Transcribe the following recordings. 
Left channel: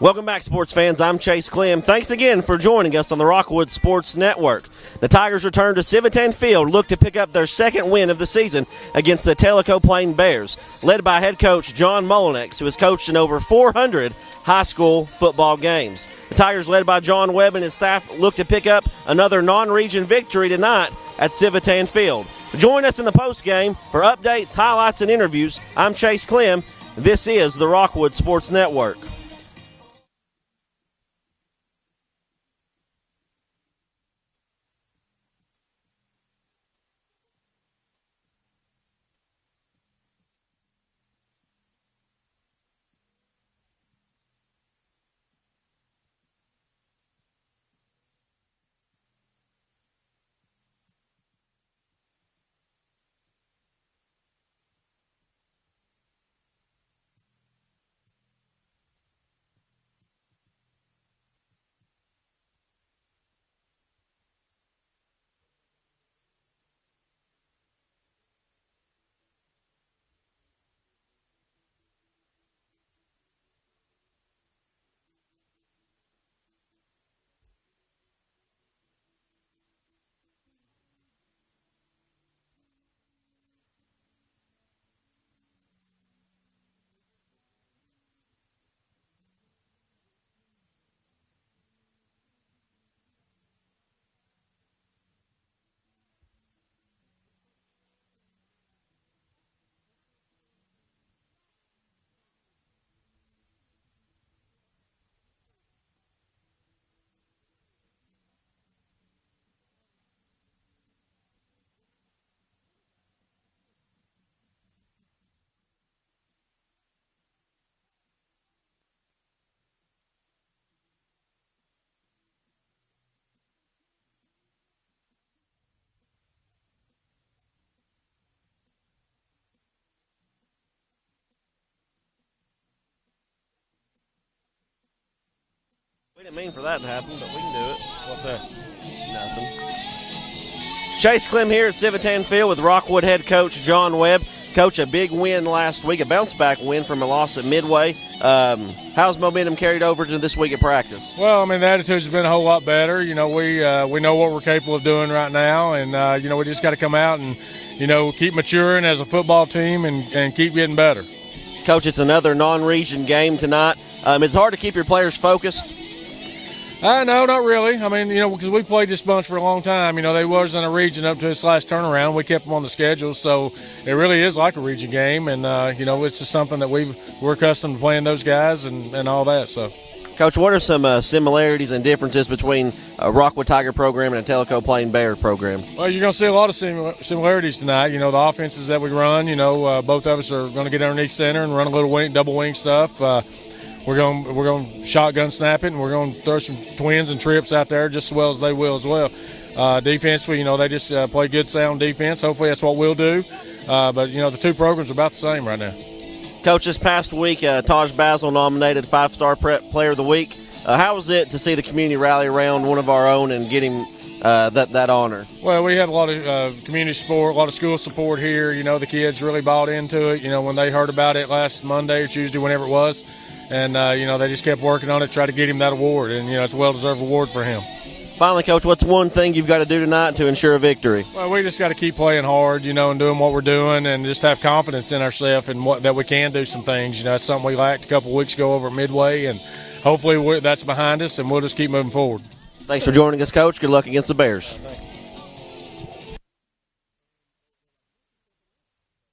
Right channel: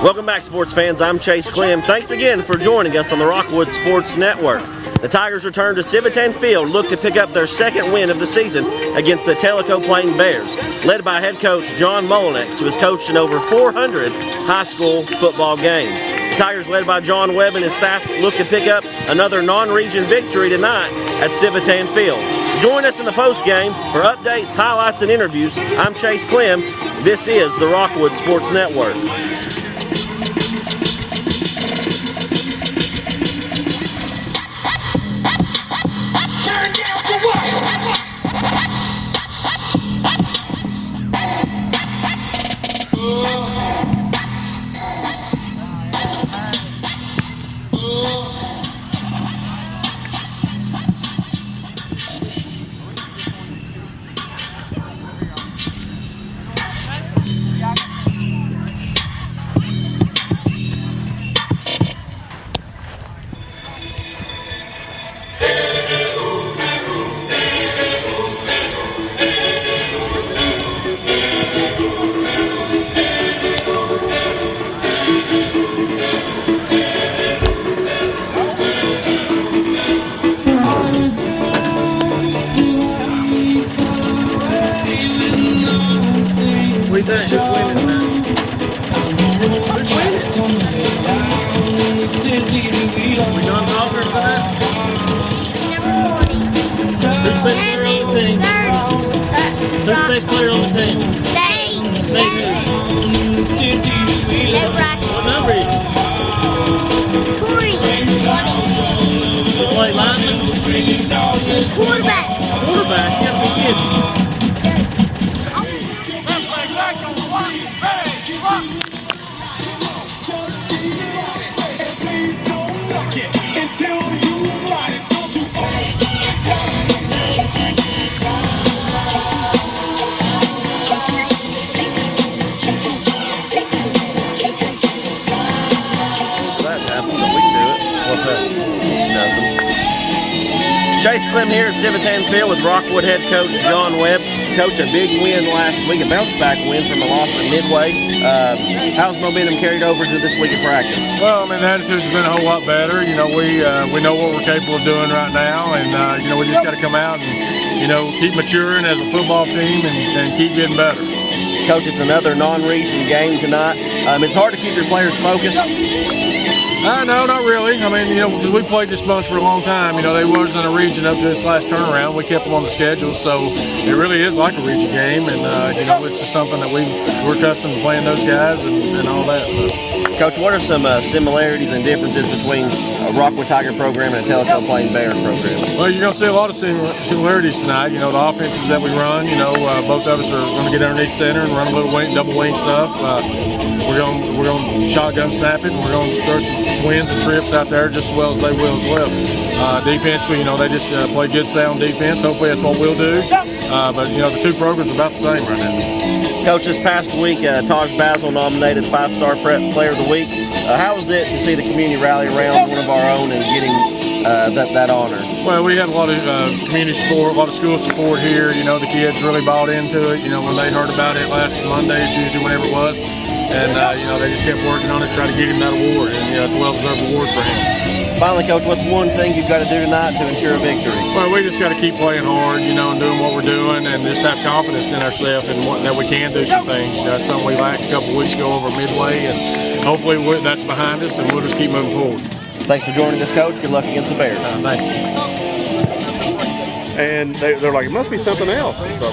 Welcome back, sports fans. I'm Chase Clem. Thanks again for joining us on the Rockwood Sports Network. The Tigers return to Civitan Field, look to pick up their second win of the season against the Tellico Plain Bears, led by head coach John Mullinex, who has coached in over 400 high school football games. The Tigers, led by John Webb and his staff, look to pick up another non-region victory tonight at Civitan Field. Join us in the postgame for updates, highlights, and interviews. I'm Chase Clem. This is the Rockwood Sports Network. Who's best player on the team? Stay. What number is it? 20. You play lineman? Quarterback. Quarterback? You gotta be kidding. Chase Clem here at Civitan Field with Rockwood head coach John Webb. Coach, a big win last week, a bounce-back win from the loss at Midway. How's momentum carried over to this week of practice? Well, I mean, the attitude's been a whole lot better. You know, we know what we're capable of doing right now, and, you know, we just got to come out and, you know, keep maturing as a football team and keep getting better. Coach, it's another non-region game tonight. It's hard to keep your players focused. No, not really. I mean, you know, because we played this bunch for a long time. You know, they wasn't a region up to this last turnaround. We kept them on the schedule, so it really is like a region game. And, you know, it's just something that we're accustomed to playing those guys and all that. So, Coach, what are some similarities and differences between a Rockwood Tiger program and a Tellico Plain Bear program? Well, you're going to see a lot of similarities tonight. You know, the offenses that we run, you know, both of us are going to get underneath center and run a little wing, double wing stuff. We're going to shotgun snap it, and we're going to throw some twins and trips out there just as well as they will as well. Defensively, you know, they just play good, sound defense. Hopefully that's what we'll do. But, you know, the two programs are about the same right now. Coach, this past week, Taj Basil nominated Five-Star Player of the Week. How was it to see the community rally around one of our own and getting that honor? Well, we had a lot of community support, a lot of school support here. You know, the kids really bought into it. You know, when they heard about it last Monday, Tuesday, whenever it was. And, you know, they just kept working on it, trying to get him that award. And, you know, it's a well-deserved award for him. Finally, Coach, what's one thing you've got to do tonight to ensure a victory? Well, we just got to keep playing hard, you know, and doing what we're doing, and just have confidence in ourselves and that we can do some things. You know, it's something we lacked a couple of weeks ago over Midway, and hopefully that's behind us, and we'll just keep moving forward. Thanks for joining us, Coach. Good luck against the Bears. Thank you. And they're like, it must be something else. So.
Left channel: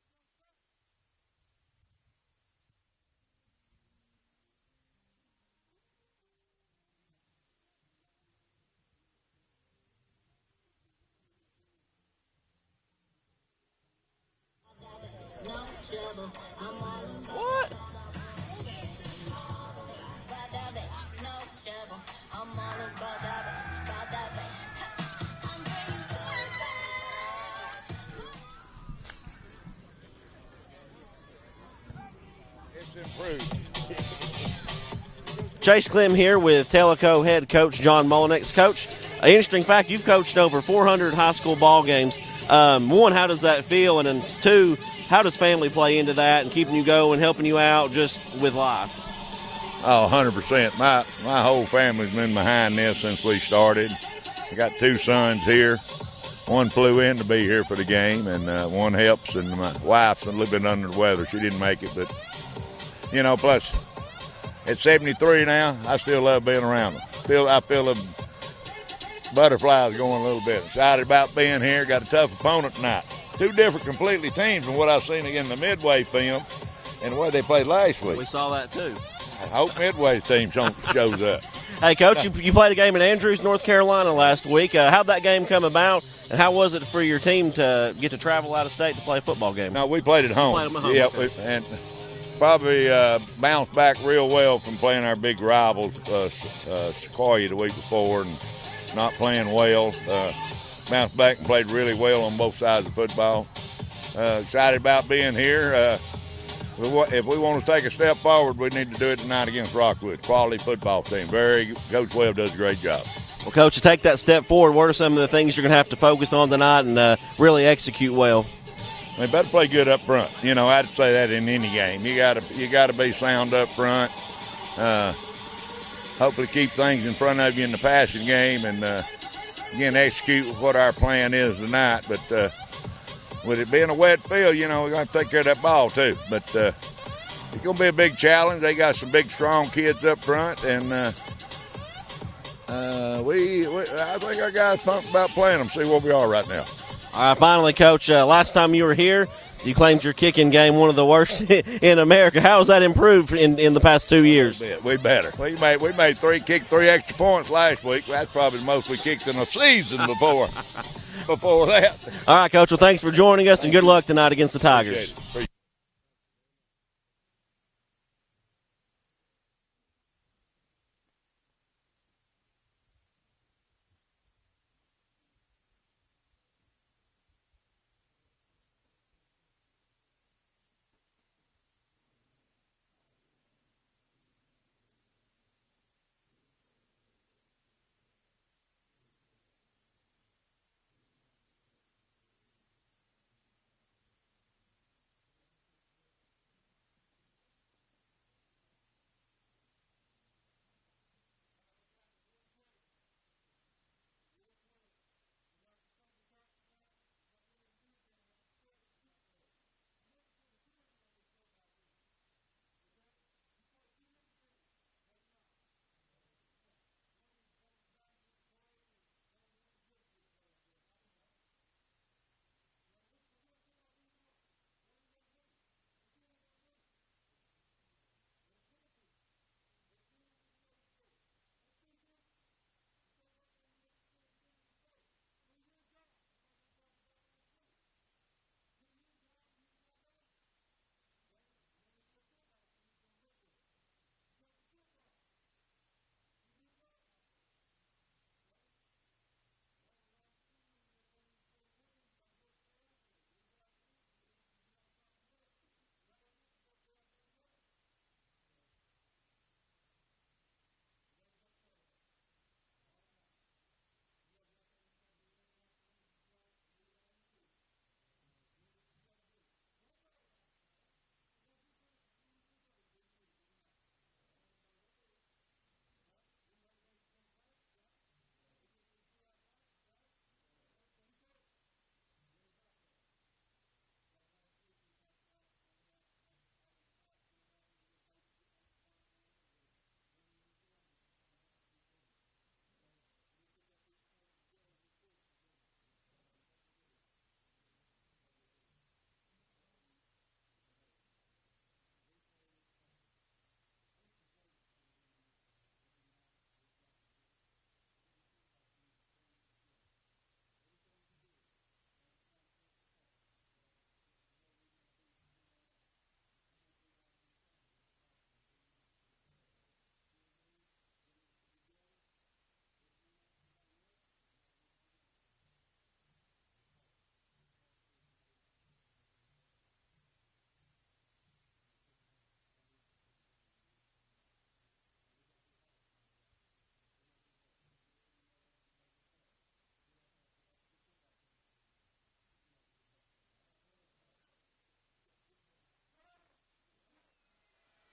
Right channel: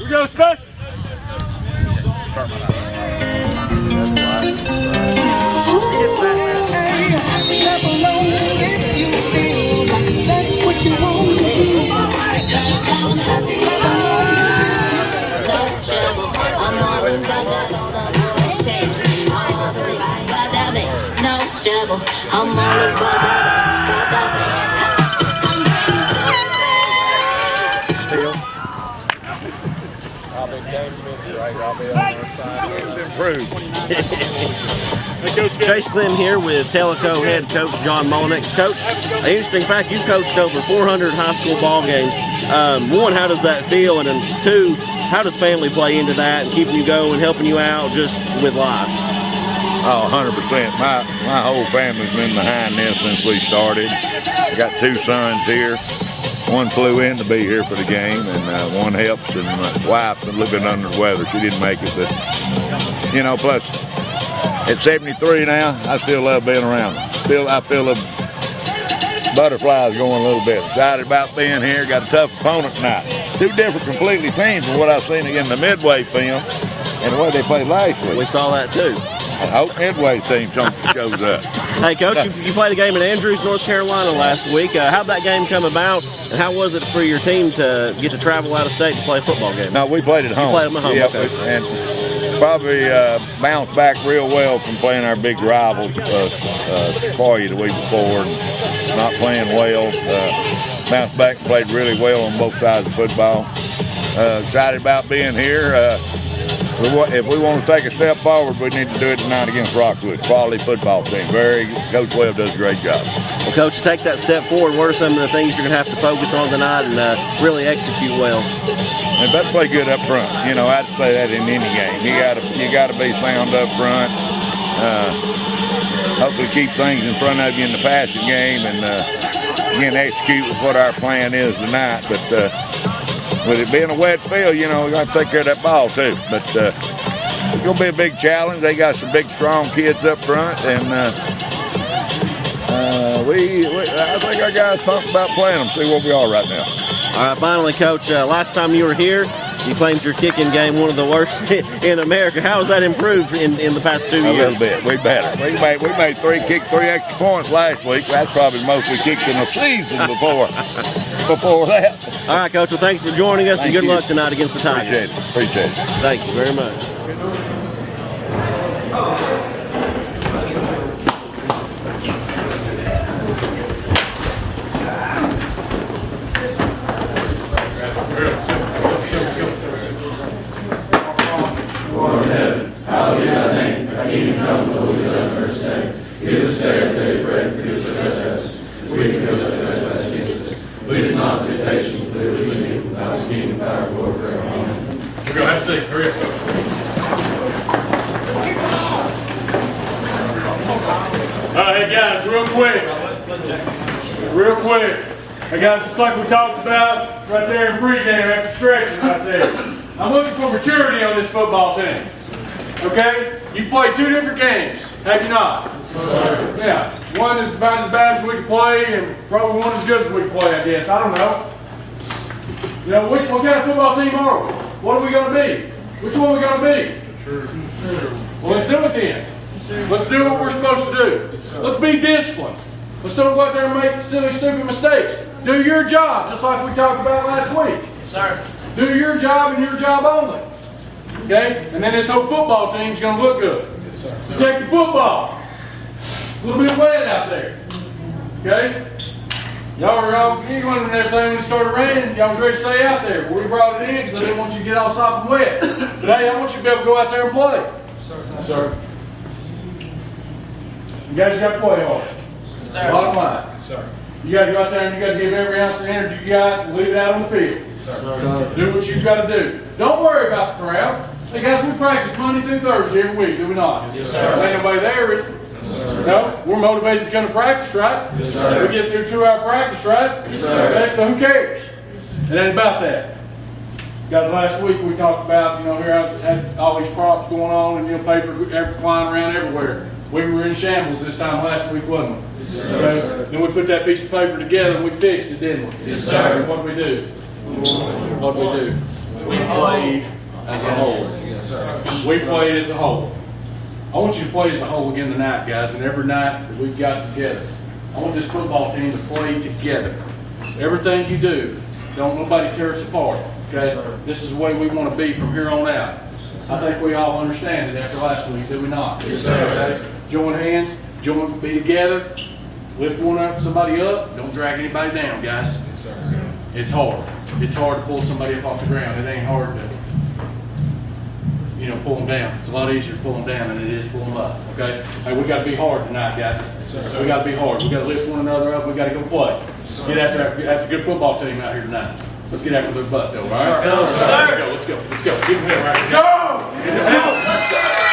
We go special. shovel. I'm all about others, Chase Clem here with Tellico head coach John Mullinex. Coach, an interesting fact, you've coached over 400 high school ball games. One, how does that feel? And then two, how does family play into that and keeping you going, helping you out just with life? Oh, 100%. My whole family's been behind this since we started. I got two sons here. One flew in to be here for the game, and one helps, and my wife's a little bit under the weather. She didn't make it, but, you know, plus, at 73 now, I still love being around them. I feel the butterflies going a little bit. Excited about being here. Got a tough opponent tonight. Two different completely teams from what I've seen in the Midway film and the way they played last week. We saw that too. I hope Midway's team shows up. Hey, Coach, you played a game in Andrews, North Carolina last week. How'd that game come about, and how was it for your team to get to travel out of state to play a football game? No, we played at home. You played at home, yeah, okay. And probably bounced back real well from playing our big rivals, Sequoia the week before, not playing well. Bounced back and played really well on both sides of football. Excited about being here. If we want to take a step forward, we need to do it tonight against Rockwood. Quality football team. Coach Webb does a great job. Well, Coach, to take that step forward, what are some of the things you're going to have to focus on tonight and really execute well? They better play good up front. You know, I'd say that in any game. You got to be sound up front. Hopefully keep things in front of you in the passing game, and again execute with what our plan is tonight. But with it being a wet field, you know, we got to take care of that ball too. But it's going to be a big challenge. They got some big, strong kids up front, and I think our guys talking about playing them. See where we are right now. All right, finally, Coach, last time you were here, you claimed your kicking game one of the worst in America. How has that improved in the past 2 years? A little bit. We better. We made three extra points last week. That's probably the most we kicked in the season before that. All right, Coach. Well, thanks for joining us, and good luck tonight against the Tigers. Appreciate it. Thank you very much. Hey guys, real quick. Hey guys, just like we talked about right there in pregame after stretching right there. I'm looking for maturity on this football team. Okay? You played two different games, have you not? Yeah. One is about as bad as we can play, and probably one as good as we can play, I guess. I don't know. You know, what kind of football team are we? What are we going to be? Which one are we going to be? Well, let's do it then. Let's do what we're supposed to do. Let's be disciplined. Let's don't go out there and make silly, stupid mistakes. Do your job, just like we talked about last week. Yes, sir. Do your job and your job only. Okay? And then this whole football team's going to look good. Yes, sir. So take the football. A little bit wet out there. Okay? Y'all giggling and everything when it started raining. Y'all was ready to stay out there. We brought it in because I didn't want you to get all sopping wet. But hey, I want you to be able to go out there and play. Yes, sir. Yes, sir. You guys got to play hard. Yes, sir. Bottom line. Yes, sir. You got to go out there and you got to give every ounce of energy you got and leave it out on the field. Yes, sir. Do what you got to do. Don't worry about the crowd. Hey guys, we practice Monday through Thursday every week, do we not? Yes, sir. Ain't nobody there, is there? Yes, sir. No? We're motivated to come to practice, right? Yes, sir. We get through 2-hour practice, right? Yes, sir. Okay, so who cares? It ain't about that. Guys, last week we talked about, you know, here I had all these props going on and, you know, paper flying around everywhere. We were in shambles this time last week, wasn't we? Yes, sir. Okay? Then we put that piece of paper together and we fixed it, didn't we? Yes, sir. What did we do? What did we do? We played as a whole. Yes, sir. We played as a whole. I want you to play as a whole again tonight, guys, and every night that we've got together. I want this football team to play together. Everything you do, don't nobody tear us apart, okay? This is the way we want to be from here on out. I think we all understand it after last week, do we not? Yes, sir. Okay? Join hands, be together, lift somebody up, don't drag anybody down, guys. Yes, sir. It's hard. It's hard to pull somebody up off the ground. It ain't hard to, pull them down. It's a lot easier to pull them down than it is to pull them up, okay? Hey, we gotta be hard tonight, guys. So we gotta be hard. We gotta lift one another up. We gotta go play. Get after that's a good football team out here tonight. Let's get after their butt, though, all right? Let's go. Let's go. Give them hell, right? Let's go! Let's go!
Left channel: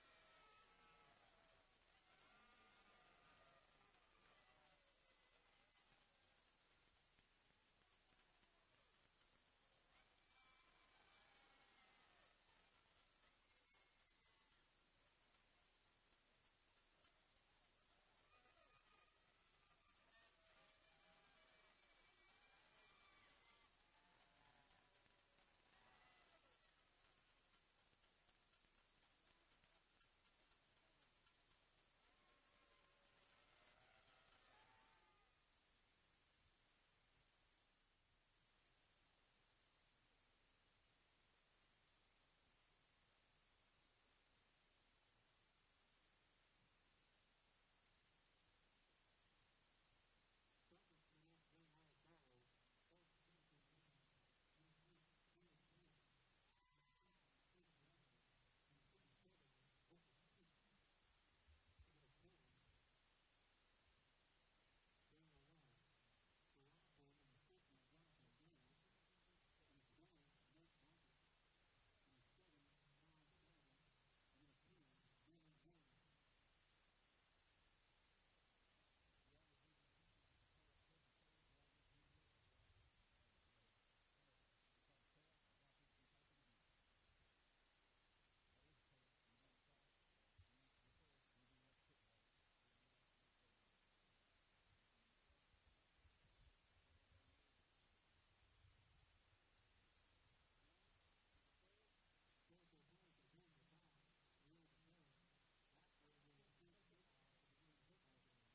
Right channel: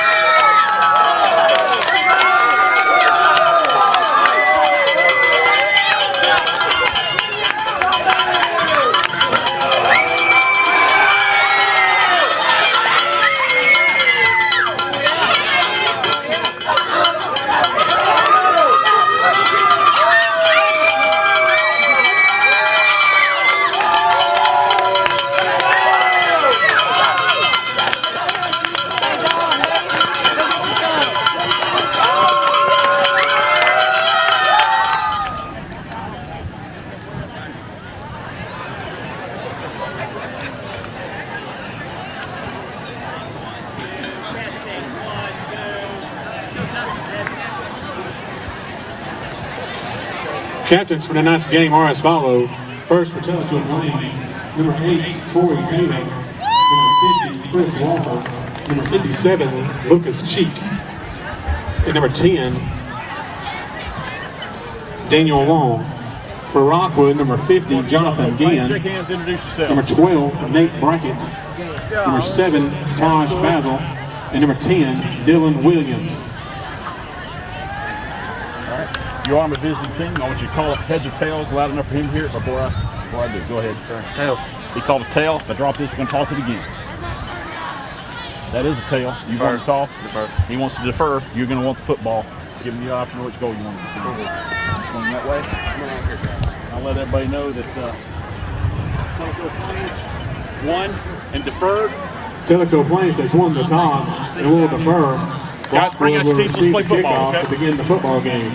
Captains for tonight's game are as follow. First for Tellico Plains, number 8, Corey Taylor. Number 50, Chris Walker. Number 57, Lucas Cheek. And number 10, Daniel Long. For Rockwood, number 50, Jonathan Ginn. Number 12, Nate Brackett. Number 7, Taj Basil. And number 10, Dylan Williams. You are my visiting team. I want you to call up heads or tails loud enough for him to hear it before I do. Go ahead, sir. Tail. He called a tail. If I drop this, we're going to toss it again. That is a tail. You want to toss? Defer. He wants to defer. You're going to want the football. Give him the option of which goal you want to defer. Swing that way. I'll let everybody know that Tellico Plains won and deferred. Tellico Plains has won the toss and will defer. Guys, bring out your teams. Let's play football, okay? To begin the football game.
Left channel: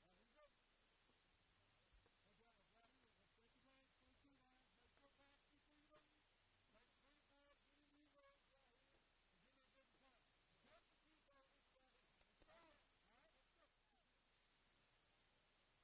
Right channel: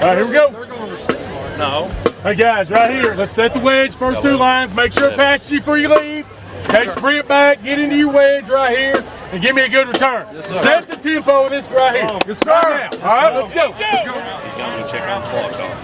All right, here we go. No. Hey guys, right here. Let's set the wedge. First two lines. Make sure it passes you before you leave. Okay, sprint back. Get into your wedge right here, and give me a good return. Set the tempo of this right here. Yes, sir. Now. All right, let's go. Let's go. He's going to check on the clock.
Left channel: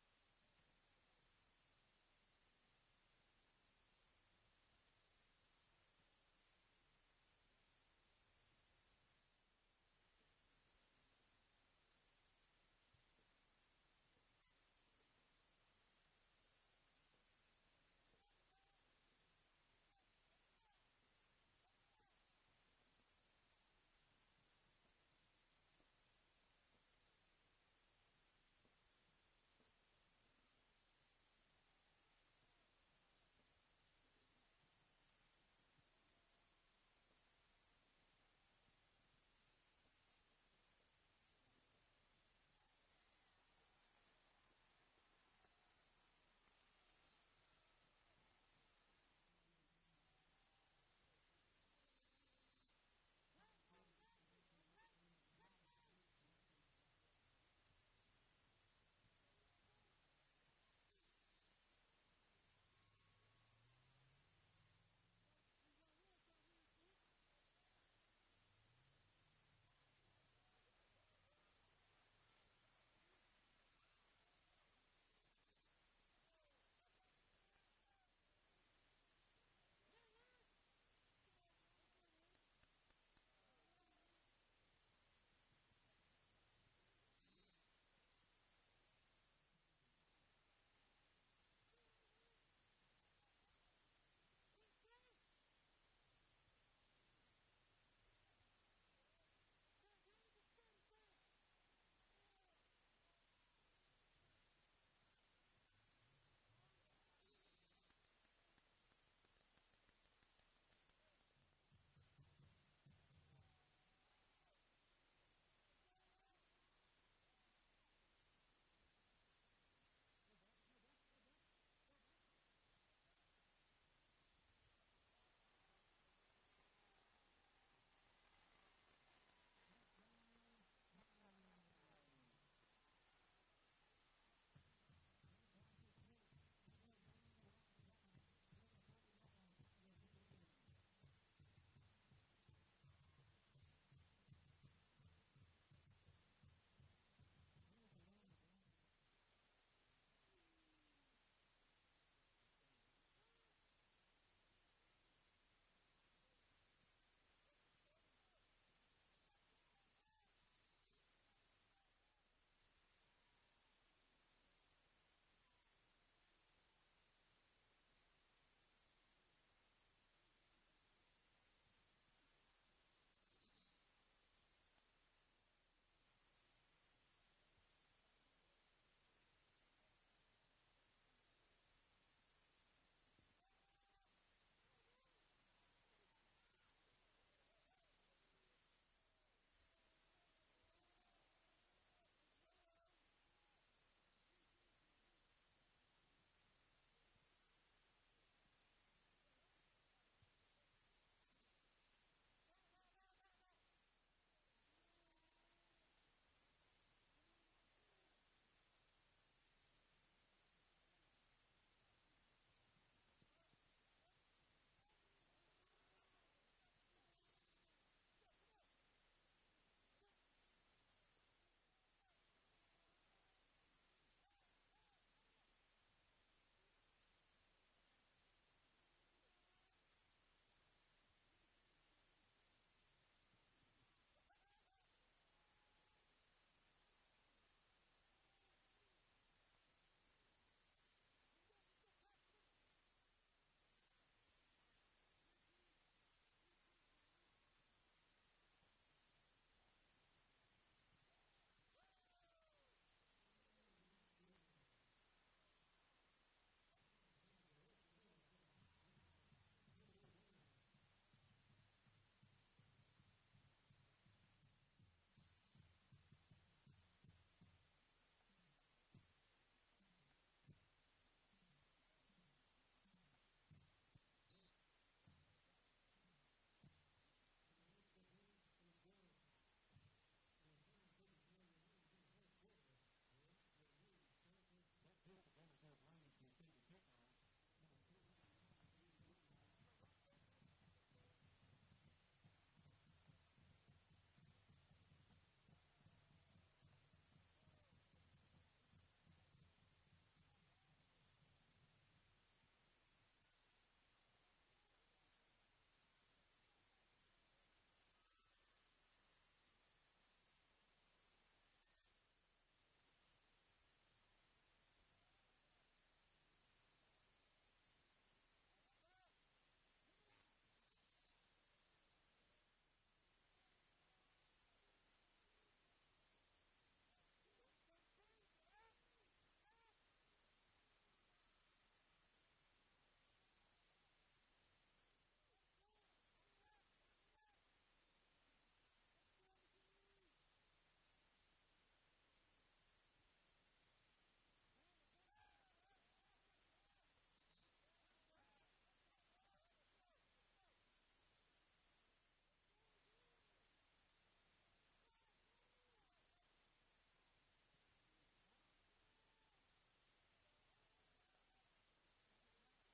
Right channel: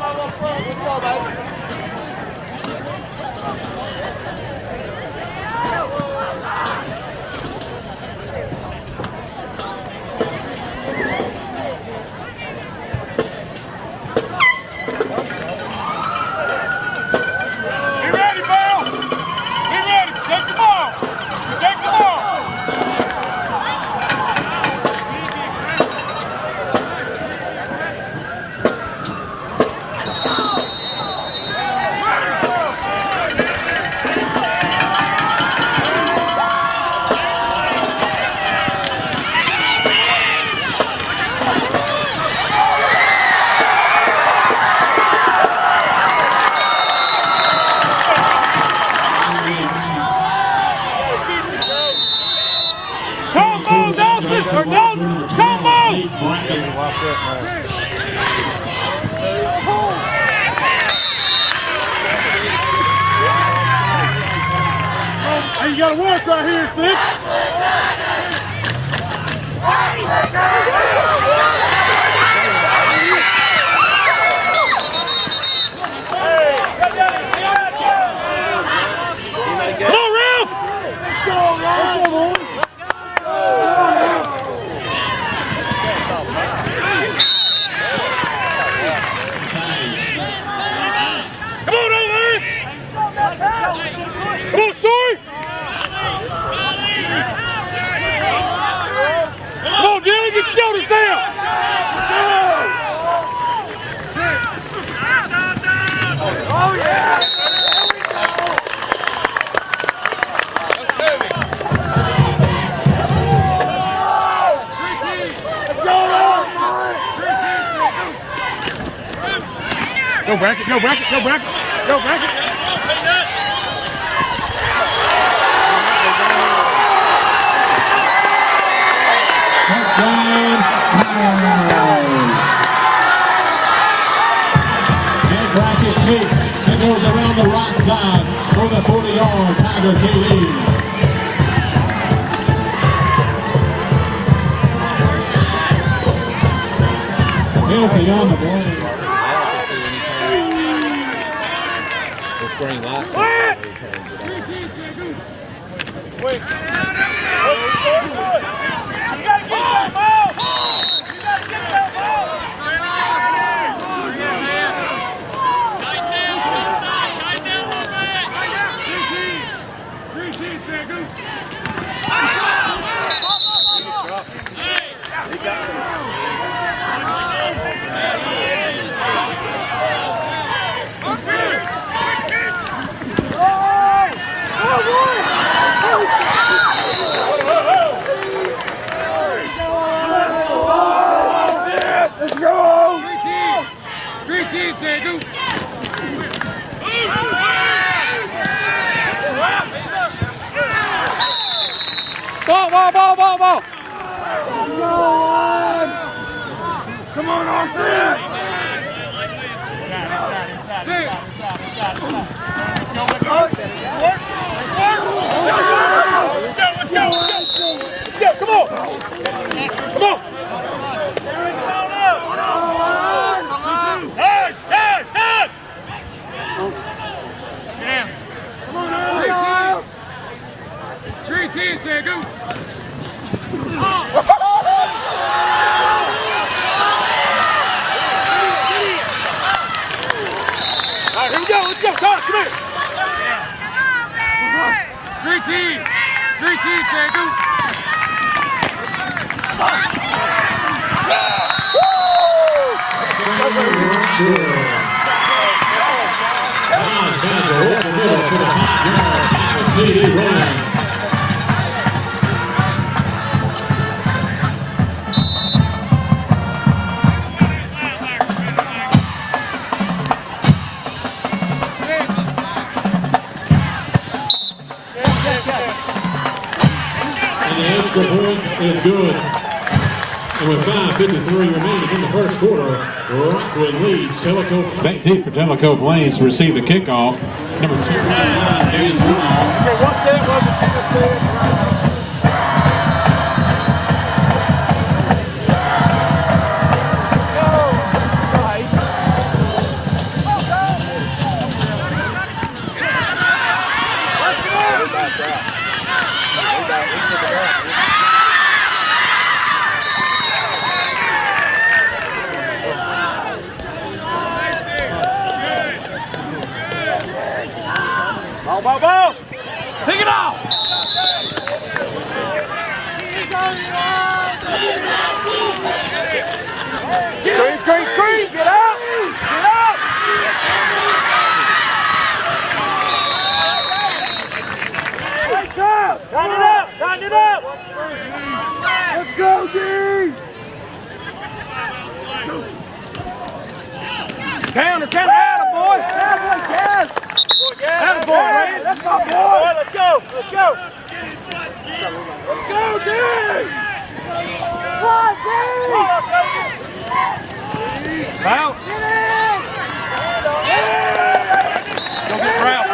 Hey, you gotta work right here, Slick. Go bracket, go bracket, go bracket, go bracket. Touchdown, Tigers. And bracket kicks and goes around the right side for the 40-yard Tiger TD. Penalty on the play. It's green light. Wait. Ball. Come on, Arthur. Let's go. Come on. Touch. Down. Come on, 3 10, go. All right, here we go. Let's go. Todd, come here. 3 10, go. Extra point is good. And with 5:53 remaining in the first quarter, Rockwood leads Tellico. Back deep for Tellico Plains to receive the kickoff. Number 2. One set, one set. Ball. Pick it off. Screen. Get up. Tighten it up. Let's go, D. Counter, atta boy. Atta boy, right? That's my boy. Let's go, D. Out. Go get Ralph.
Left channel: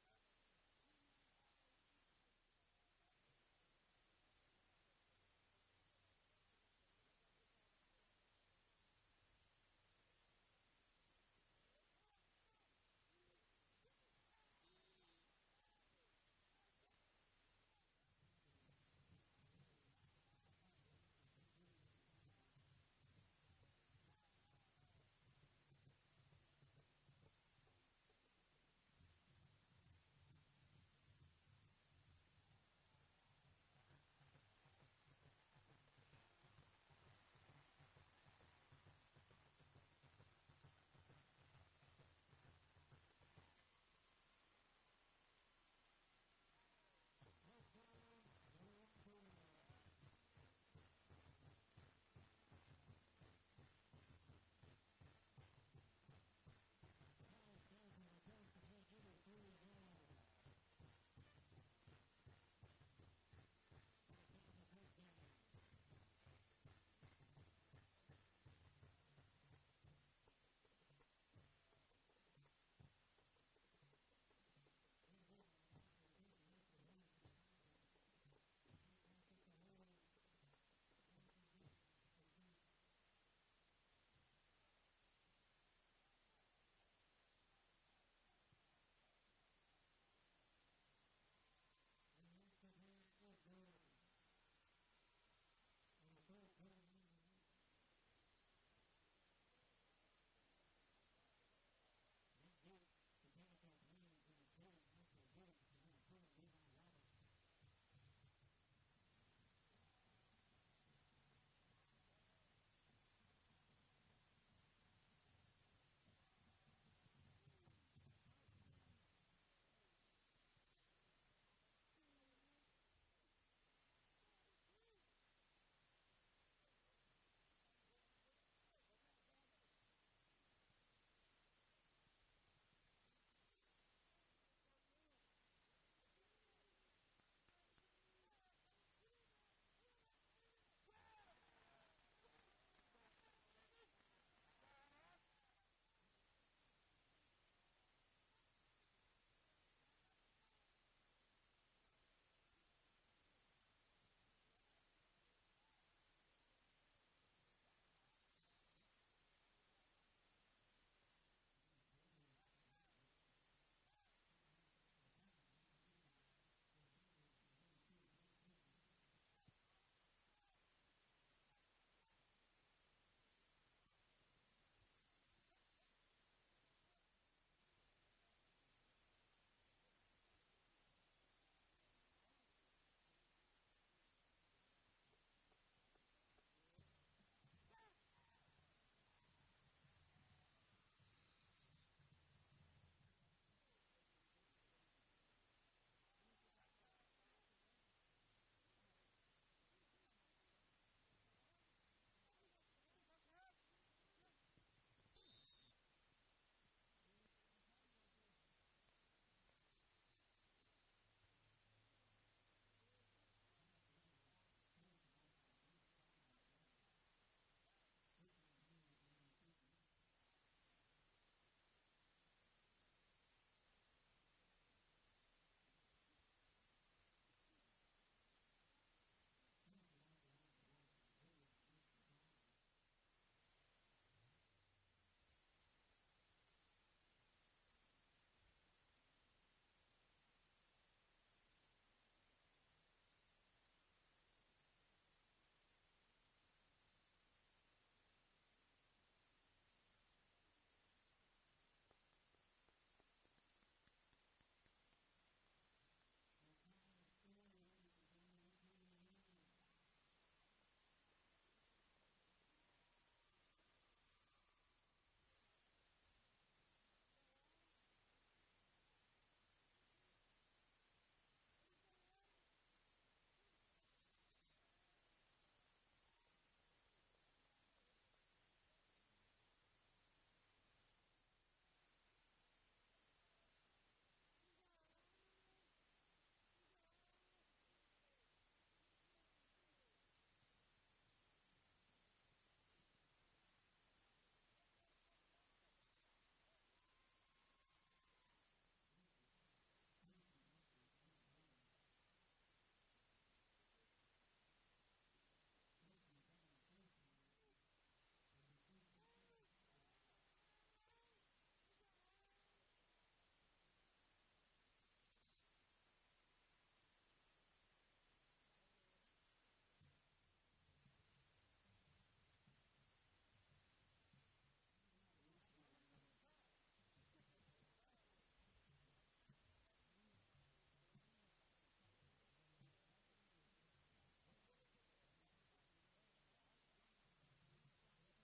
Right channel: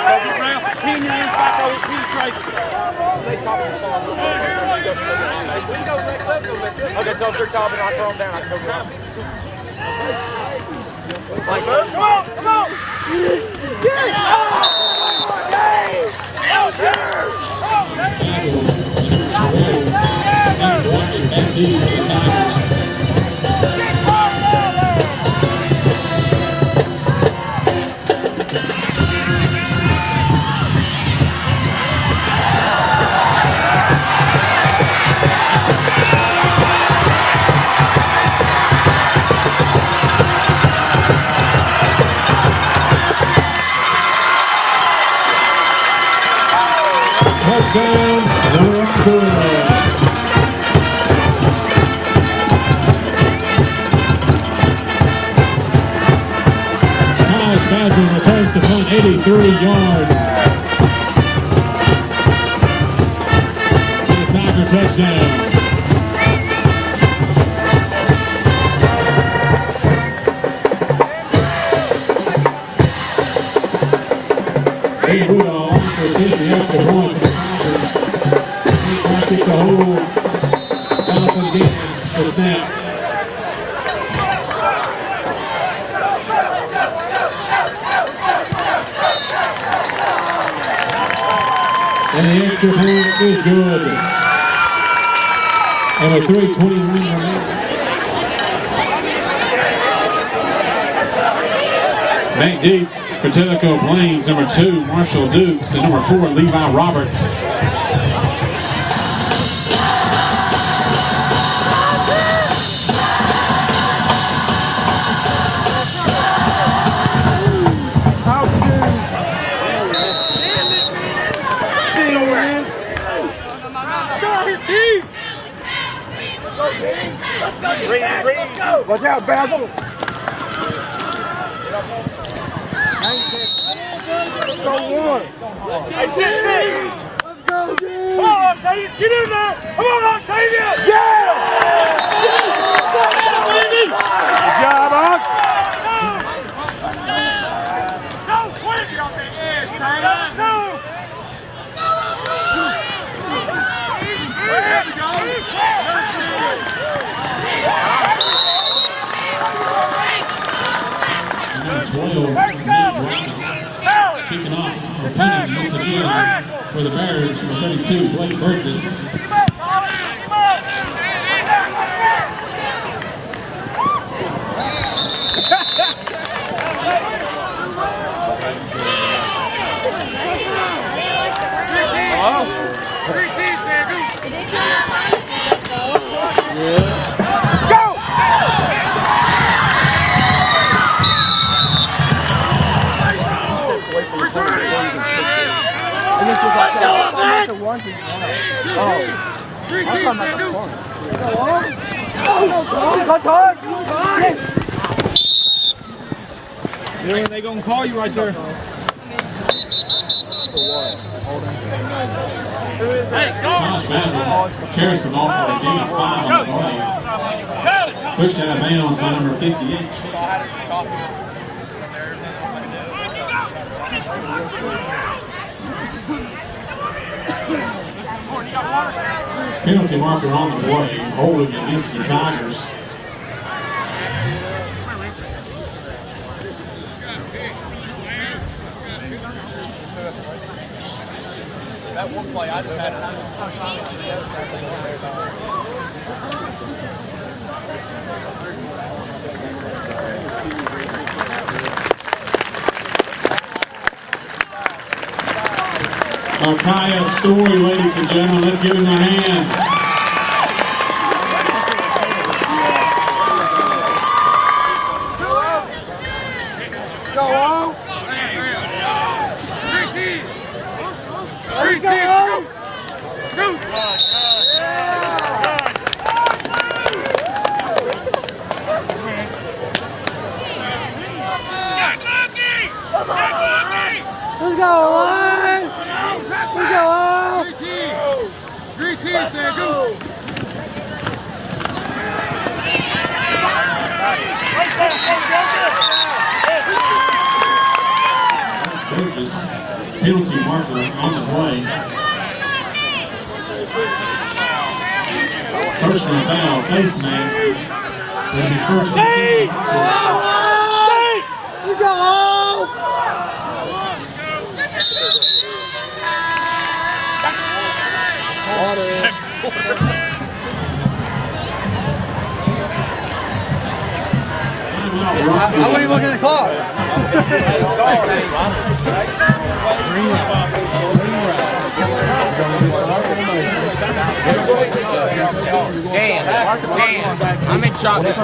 He in your inside, go penetration. Okay, so if they're topping, I'll throw them down. I can go get them. Come on. Touchdown, Rockwood. 33 yards. To the Tiger touchdown. Hey, Woodall for taking the extra point for the Tigers. He practiced the whole Jonathan Gaines for snap. And the extra point is good. And with 3:21 remaining. Back deep for Tellico Plains, number 2, Marshall Dukes, and number 4, Levi Roberts. Watch out, Basil. Let's go one. Hey, sit. Let's go, dude. Come on, Octavius. Get in there. Come on, Octavius. Yeah! Good job, Ox. Go quick. Get off the edge, Taylor. Go. There we go. Number 12, Nate Rockwood, kicking off or punting once again for the Bears. Number 32, Blake Burgess. They gonna call you right there. Thomas Basil carries the ball for a gain of 5 on the play. Pushed out of bounds by number 58. Penalty marker on the play, holding against the Tigers. That one play, I just had Kaya Story, ladies and gentlemen, let's give him a hand. Go on. 3 teams. Go. Let's go, line. Let's go on. 3 teams, man. Go. Burgess, penalty marker on the play. Personal foul, face mask. It'll be first and 10. Let's go home. I wouldn't even look at the clock. Dan, I'm in shock. Let him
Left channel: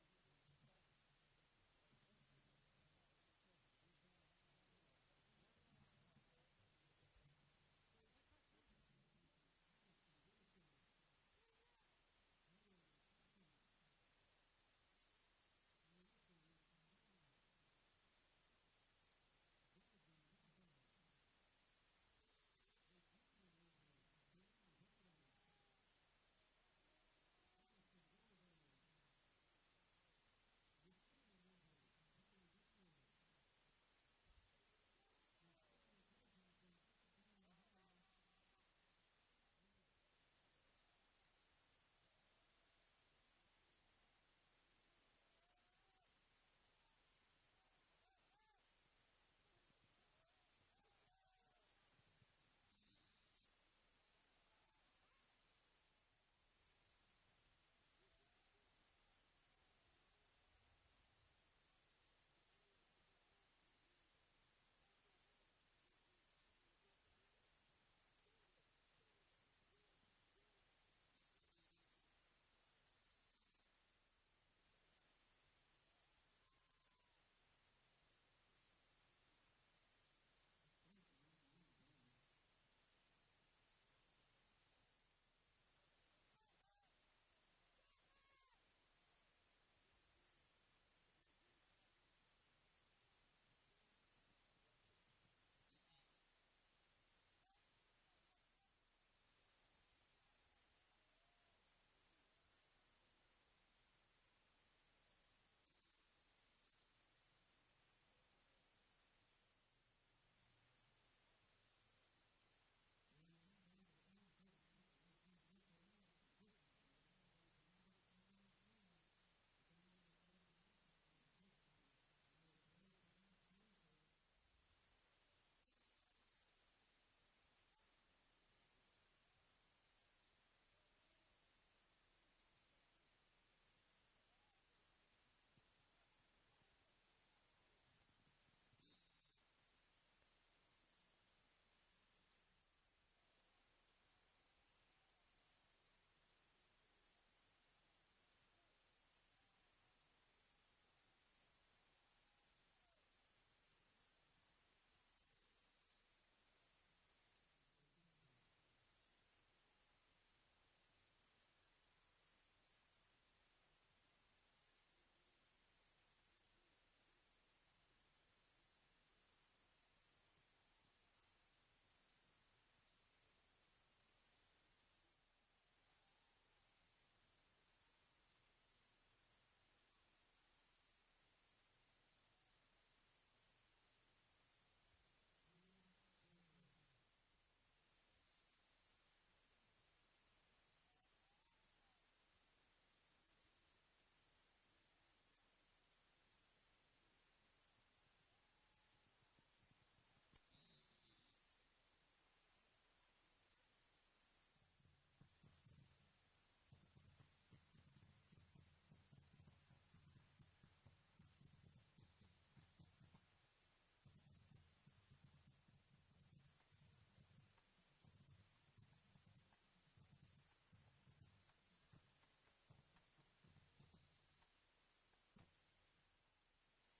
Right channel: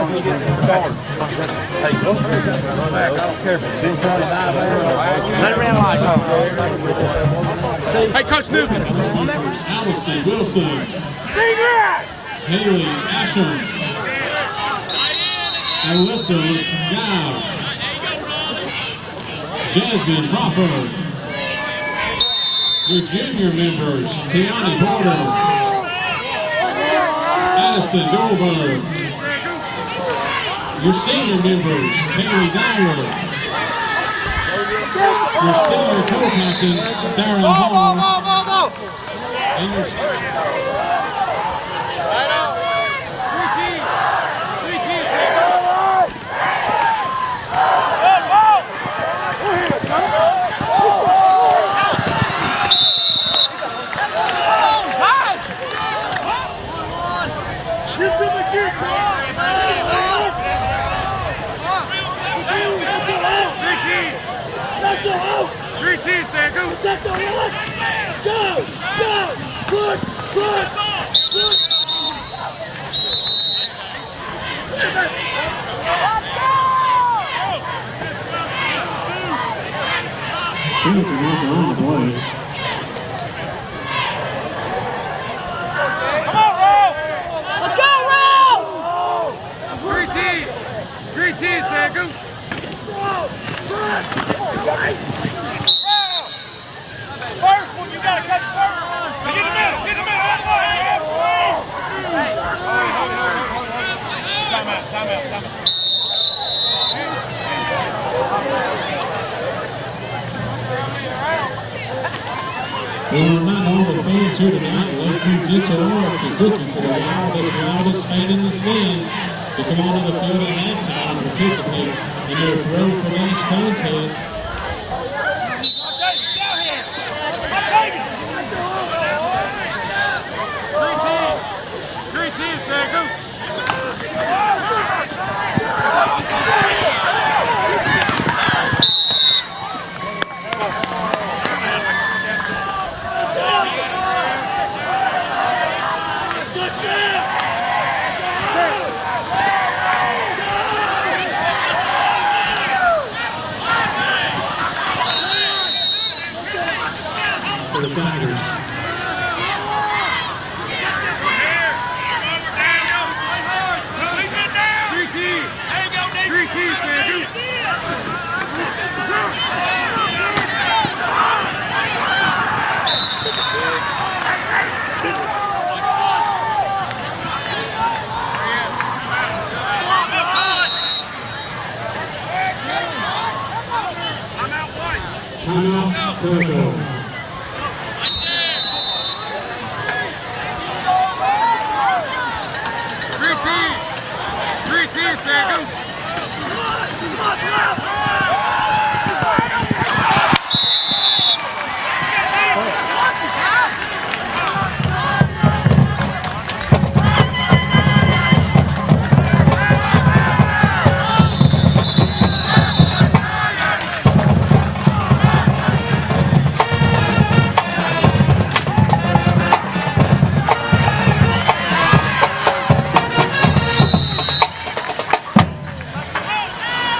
run like. Hey, Coach Newton. Allison Wilson. Haley Asham. Alyssa Gow. Jasmine Crawford. Your junior members, Tiani Porter, Addison Goldberg. Your senior members, Haley Dyer. Your senior co-captain, Sarah Hall. And your Protect the line! Go! Go! Push! Push! Push! Come on, Roll! Let's go, Roll! Green team, Sangu! First one, you gotta catch first. Get in the middle, get in the middle. Time out. Well, we're not all the fans here tonight. Lakeview Dental Arts is looking for the loudest fan in the stands to come onto the field at halftime and participate in their throw for match contest. For the Tigers. Timeout, Tellico.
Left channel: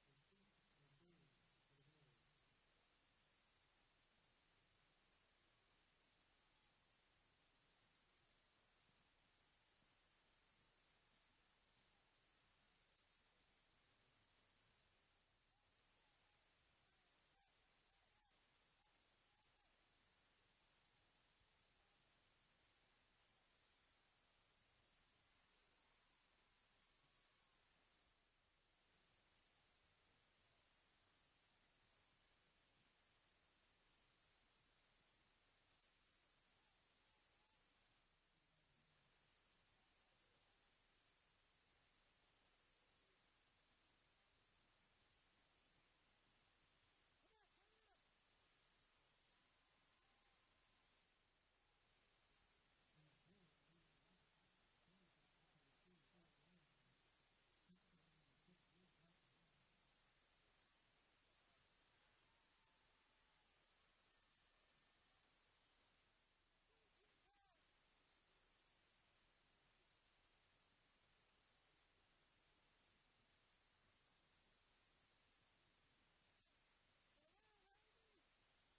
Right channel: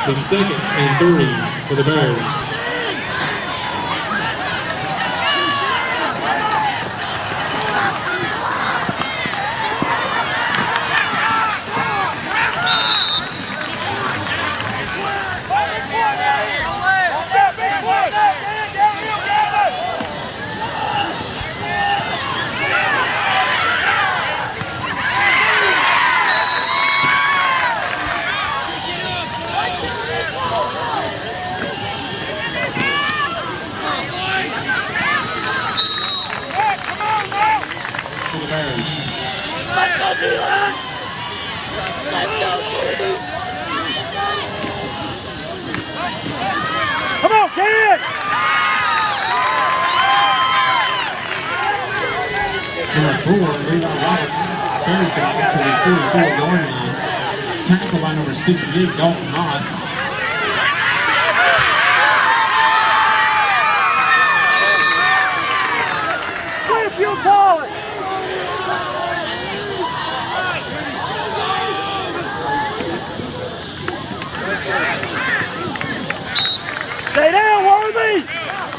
The 2nd and 3 for the Bears. Come on, kid! Number 4, Levi Roberts, carries the ball to the 44-yard line. Tackled by number 68, Dalton Moss. If you call it! Stay down, Worthy!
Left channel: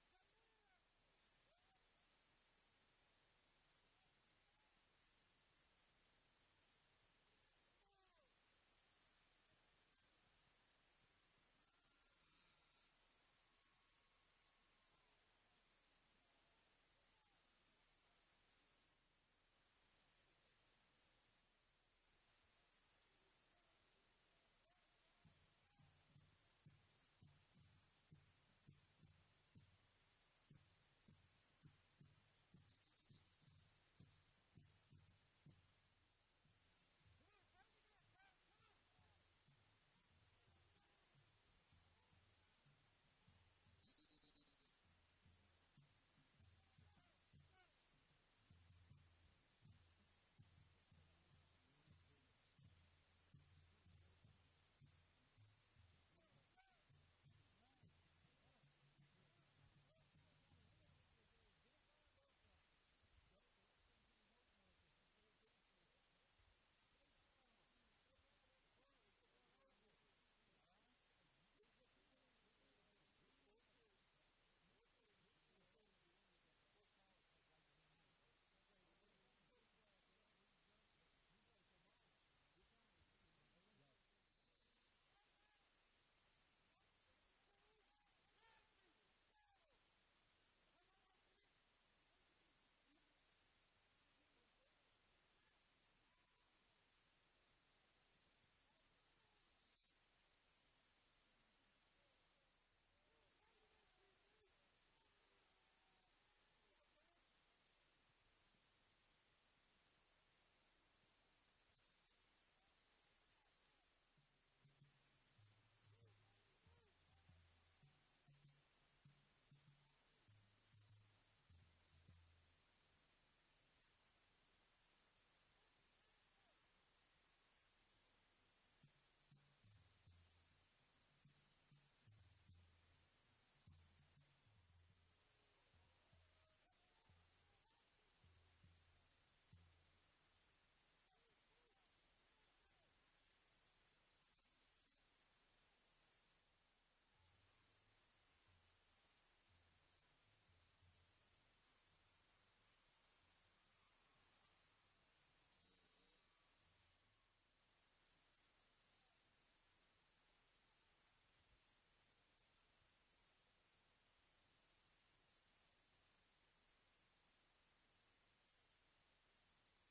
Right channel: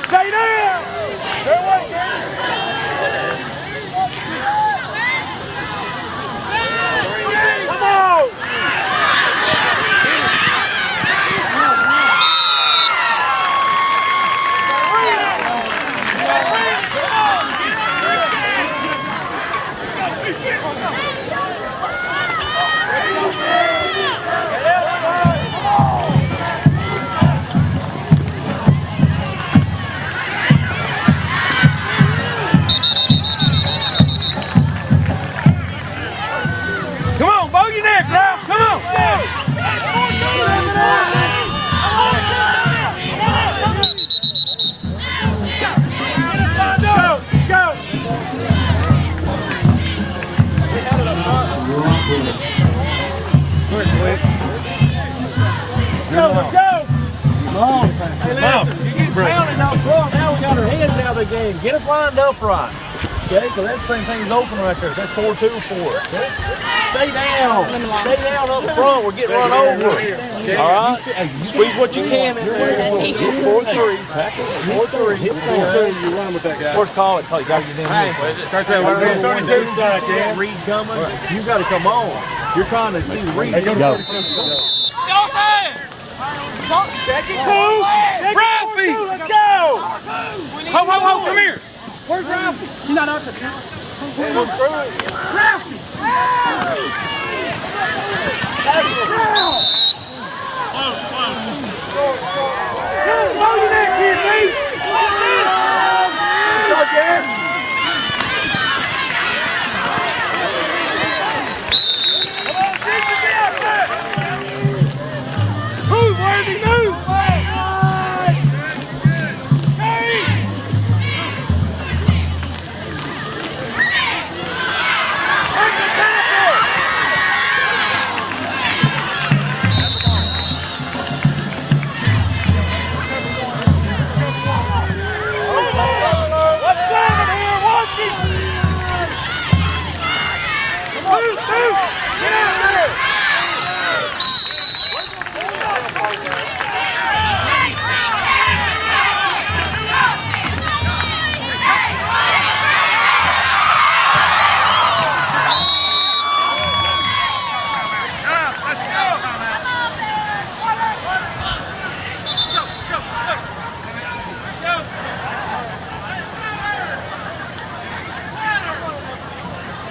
Stay down! Stay away, come on! Come on, bow your neck, Ralph. Come on. Go. Let's go. Hey, listen, you get pounded out front. Now we got our heads out of the game. Get us lined up right. Okay, because that same thing's open right there. That's 4-2 for us. Okay? Stay down. Stay down up front. We're getting run over. All right? Squeeze what you can in there. 4-3. 4-3. You run with that guy. First call it. You got to get in here. 32 side, yeah. Reed coming. You got to come on. You're trying to see Reed. Go. Second two. Ralphie. Let's go. Ho, come here. Where's Ralphie? He's not out there. Ralphie! Blow your neck here, Pete! Come on, Jason, get out there! Move, Worthy, move!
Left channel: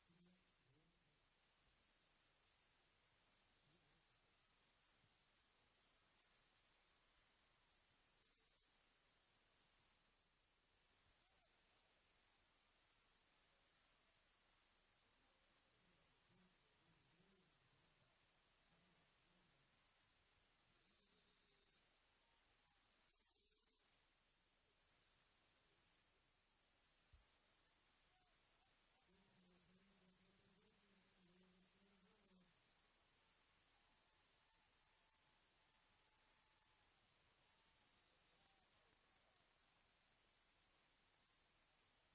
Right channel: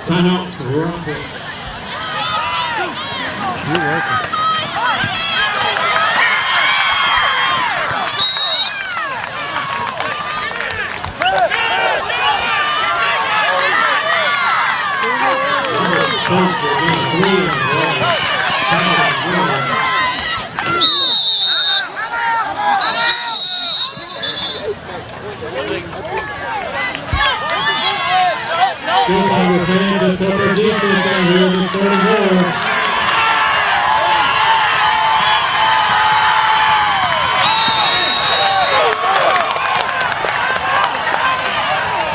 Timeout to Rockwood. You're welcome. Good Tiger fans, let's help our defense out here in the starting board.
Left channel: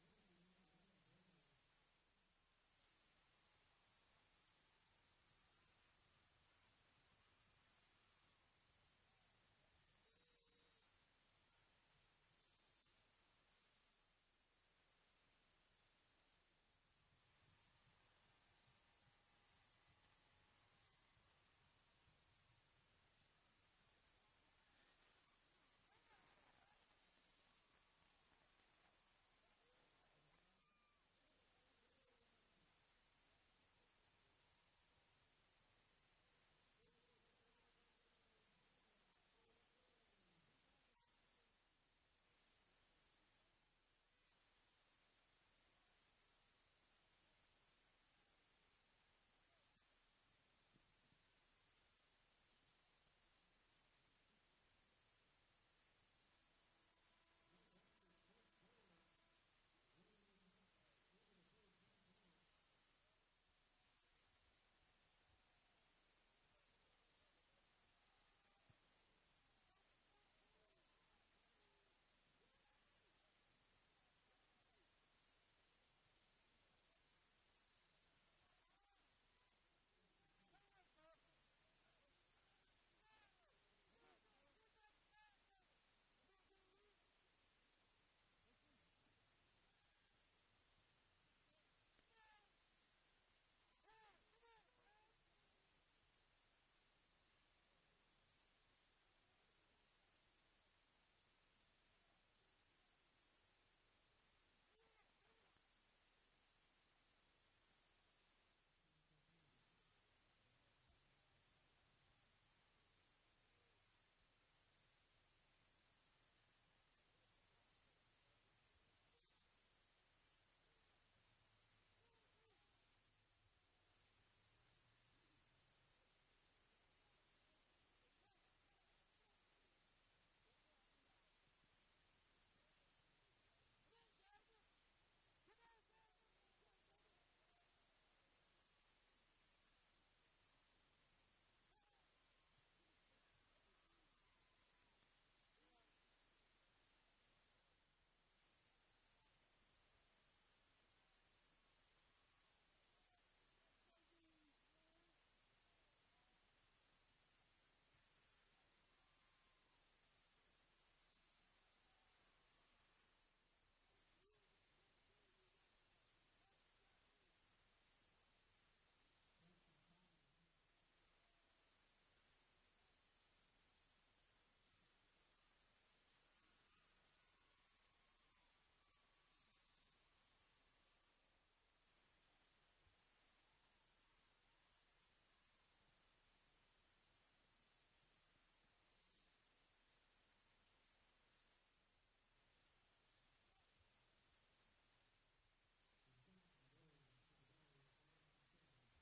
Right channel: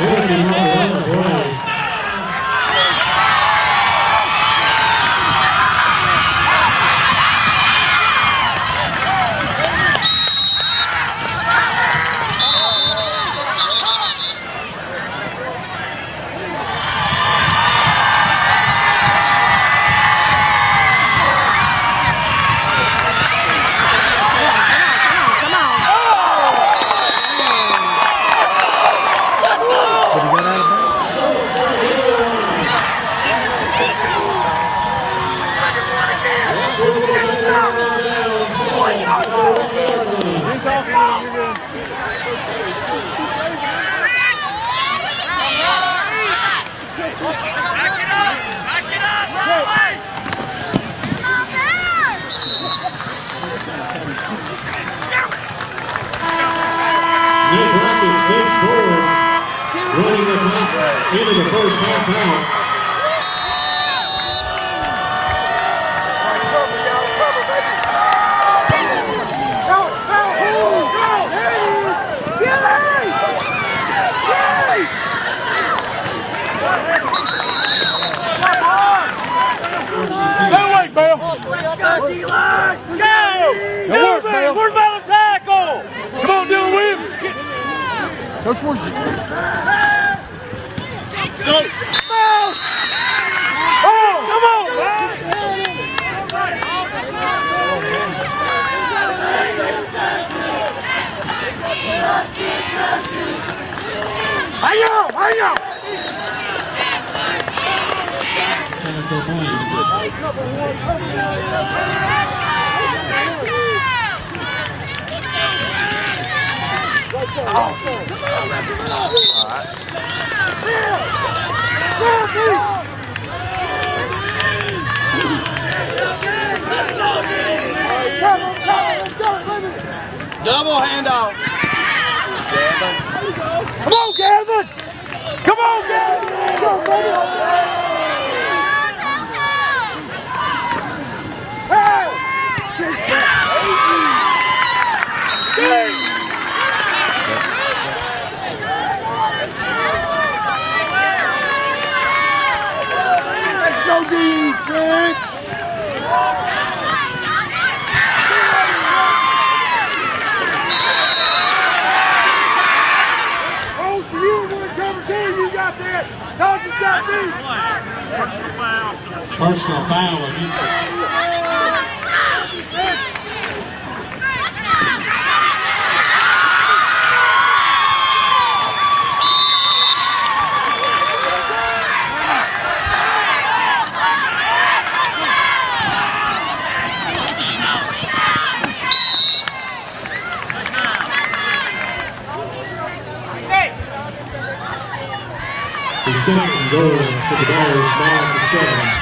Working on the play. Running the clock into the first half out. Where's my tackle? Come on, Dylan Williams. Coach, where's you? Go. Oh, come on, man. Hang on. Tellico Plains. Double handoff. Come on, Gavin! Come on, Gavin! Go, baby! Hey! Let's go, defense! Personal foul against it. The second goal for the Bears, now at the 7.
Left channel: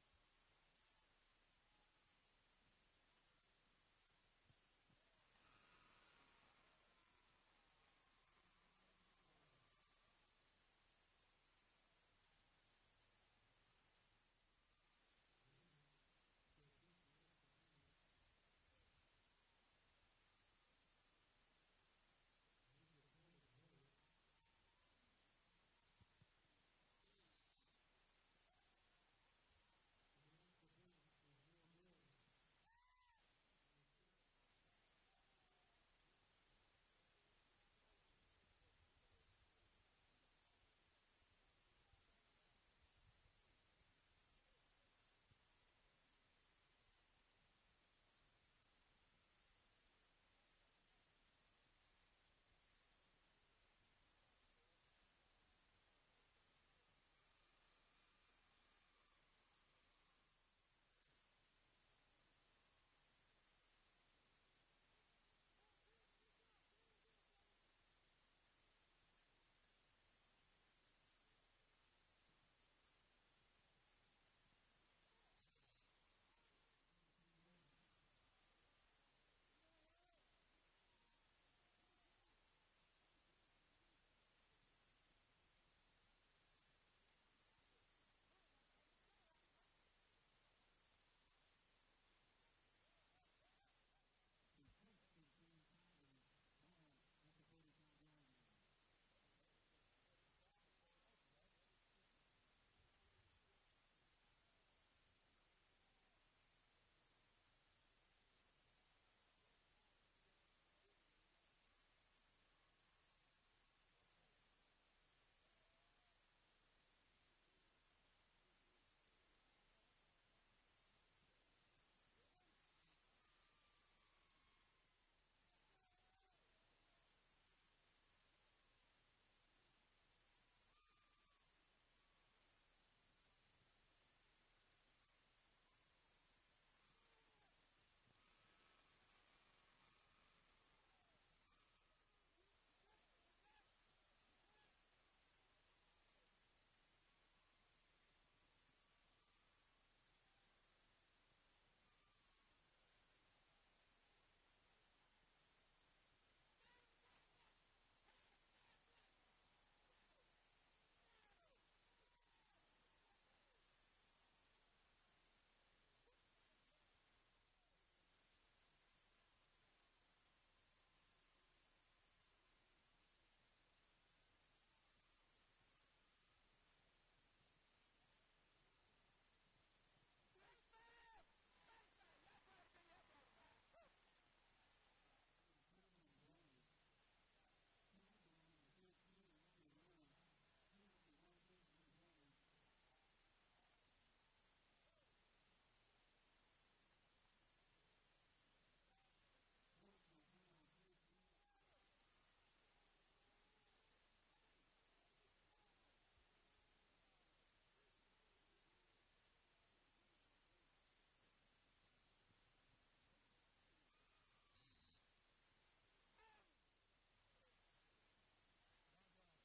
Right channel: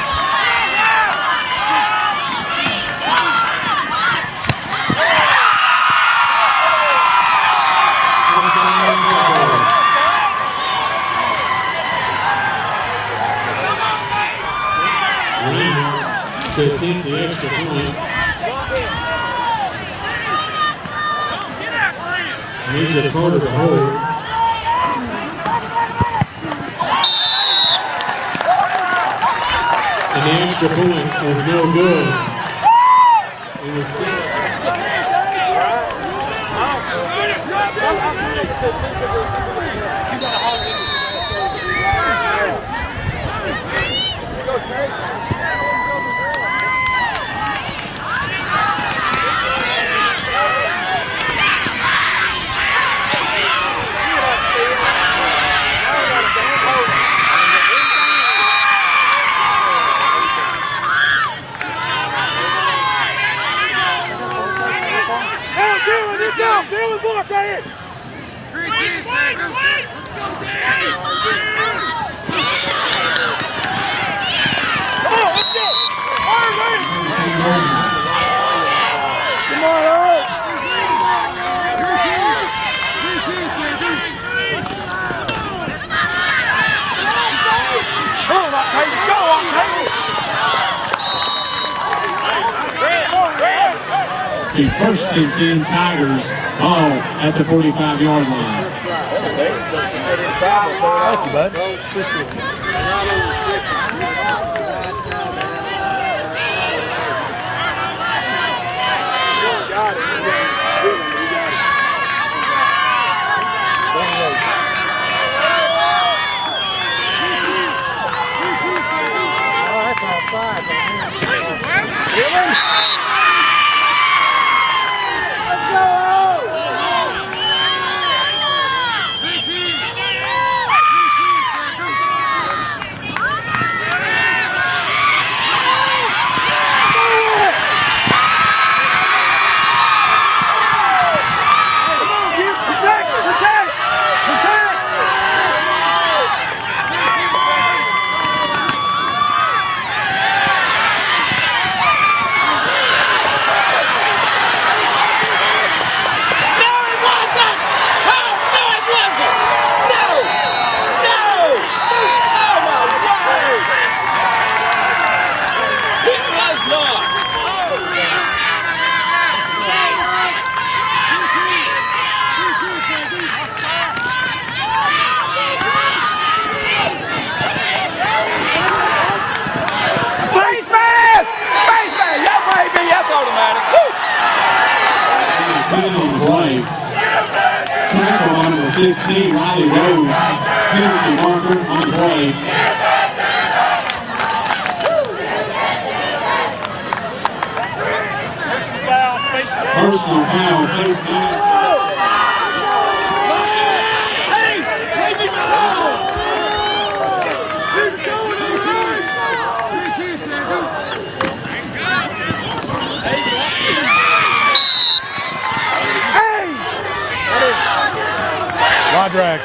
Reinhardt to attempt the extra point. Needs a Carter to hold. And the extra point is no good. It was the first and 10 Tigers ball at the 45-yard line. Thank you, bud. Tackle on number 15, Riley Rose. Penalty marker on the play. Personal foul, face mask. Drag.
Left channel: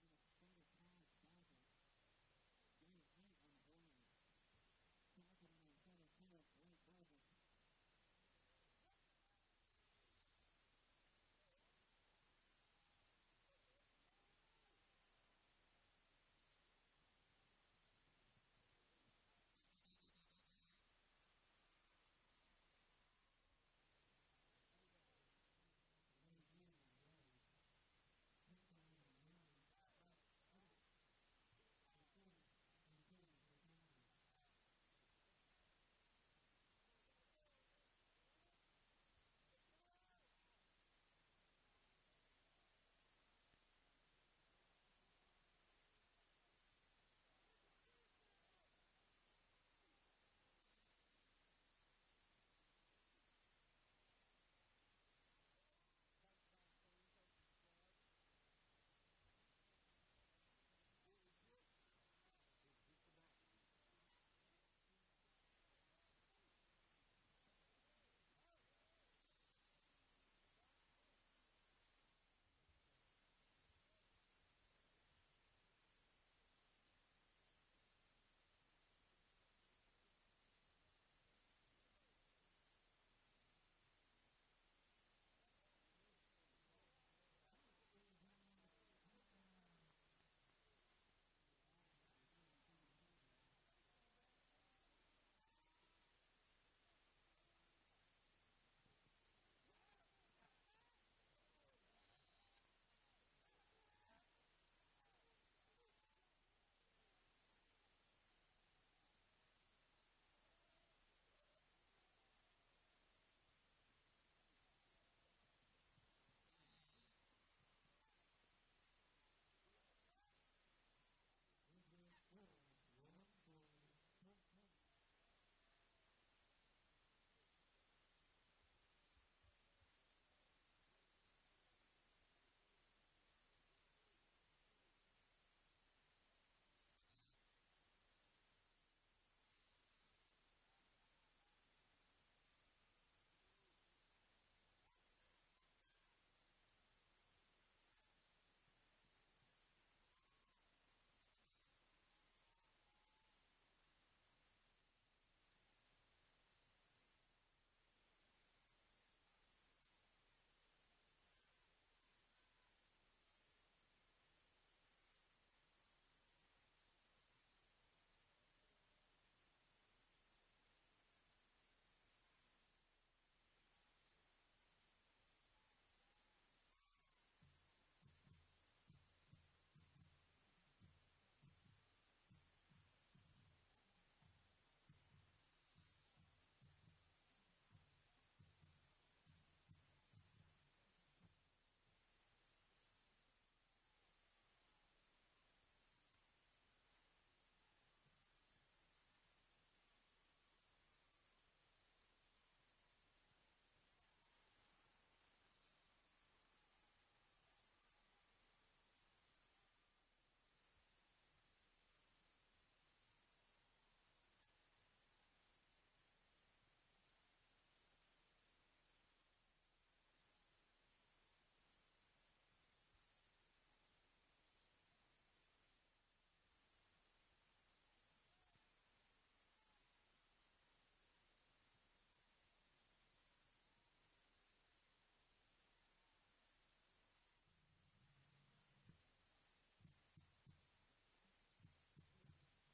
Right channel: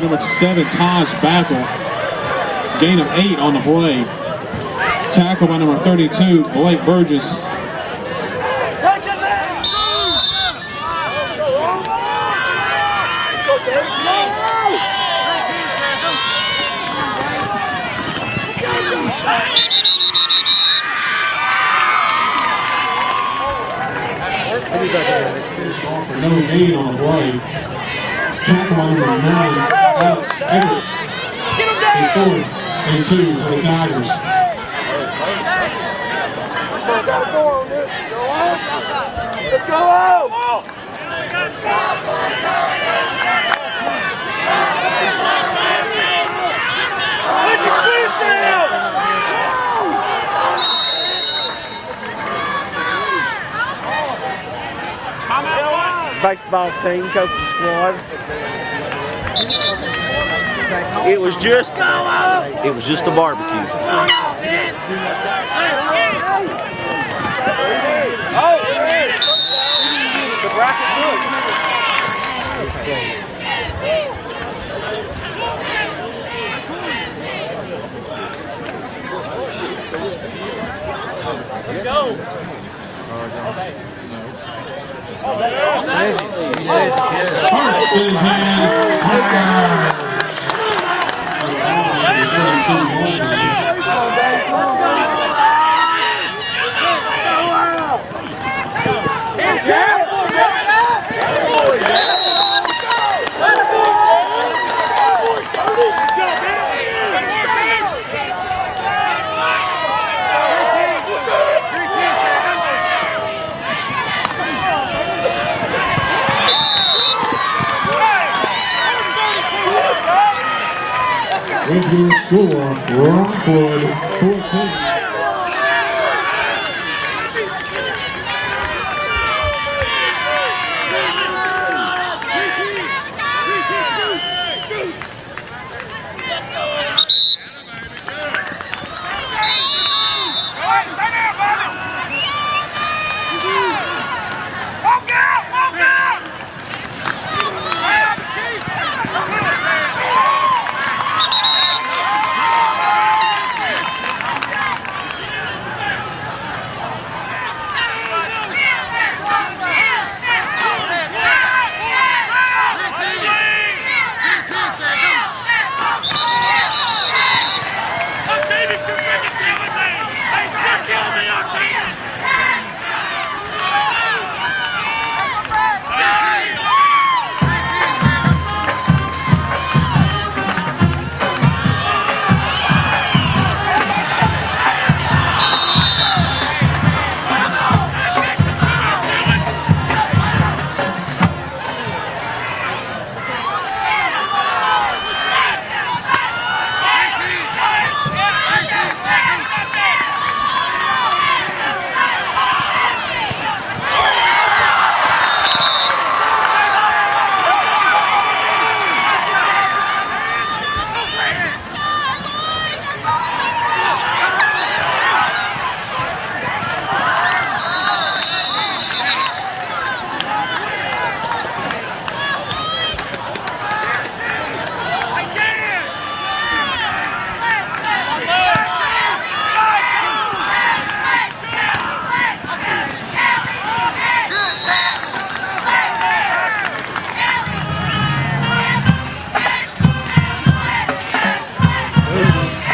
to number 7, Taj Basil. Gain of 8 on the play. Tackle by number 32, Blake Burgess. No gain on the play. Tackle by number 9, Alex Everett. And 4th and 2 for the Tigers. Let's go! Baseball team, coaching squad. It was just a barbecue. The bracket good. Go. First in hand, Tigers. With your score, Rockwood 14.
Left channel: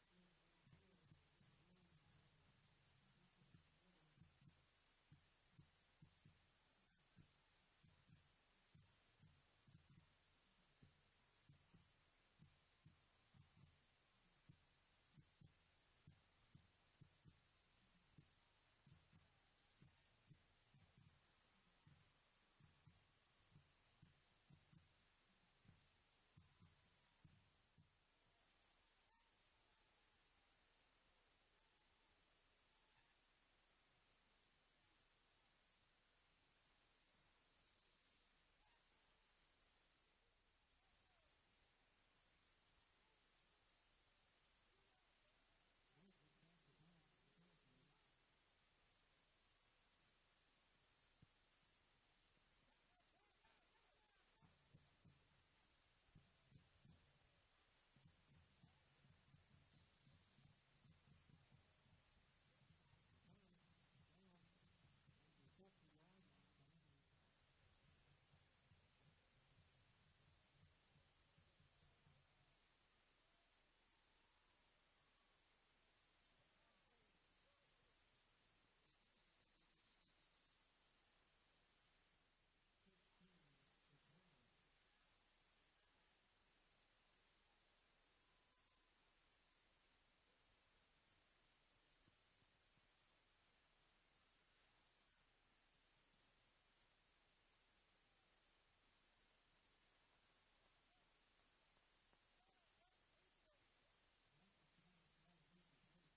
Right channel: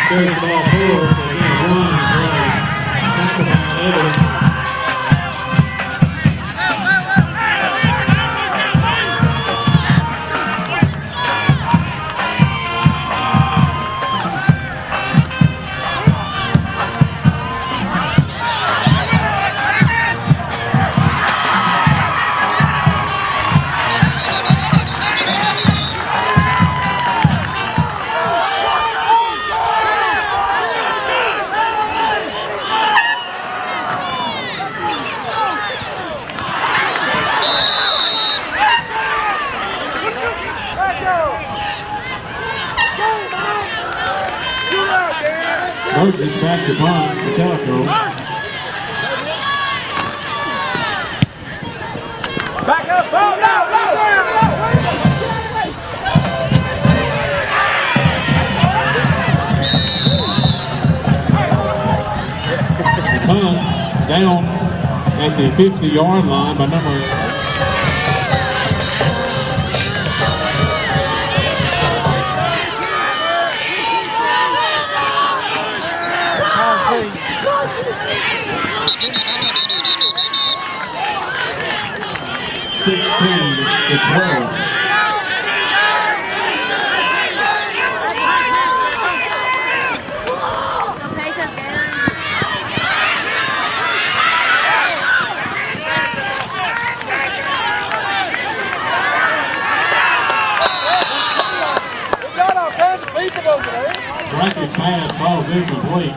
There's the ball forward. They're going to run. Tackle by Evans. Burgess back to punt for Tellico. Back up, ball, no. Down at the 50-yard line by number 16-12. Brackett pass falls incomplete.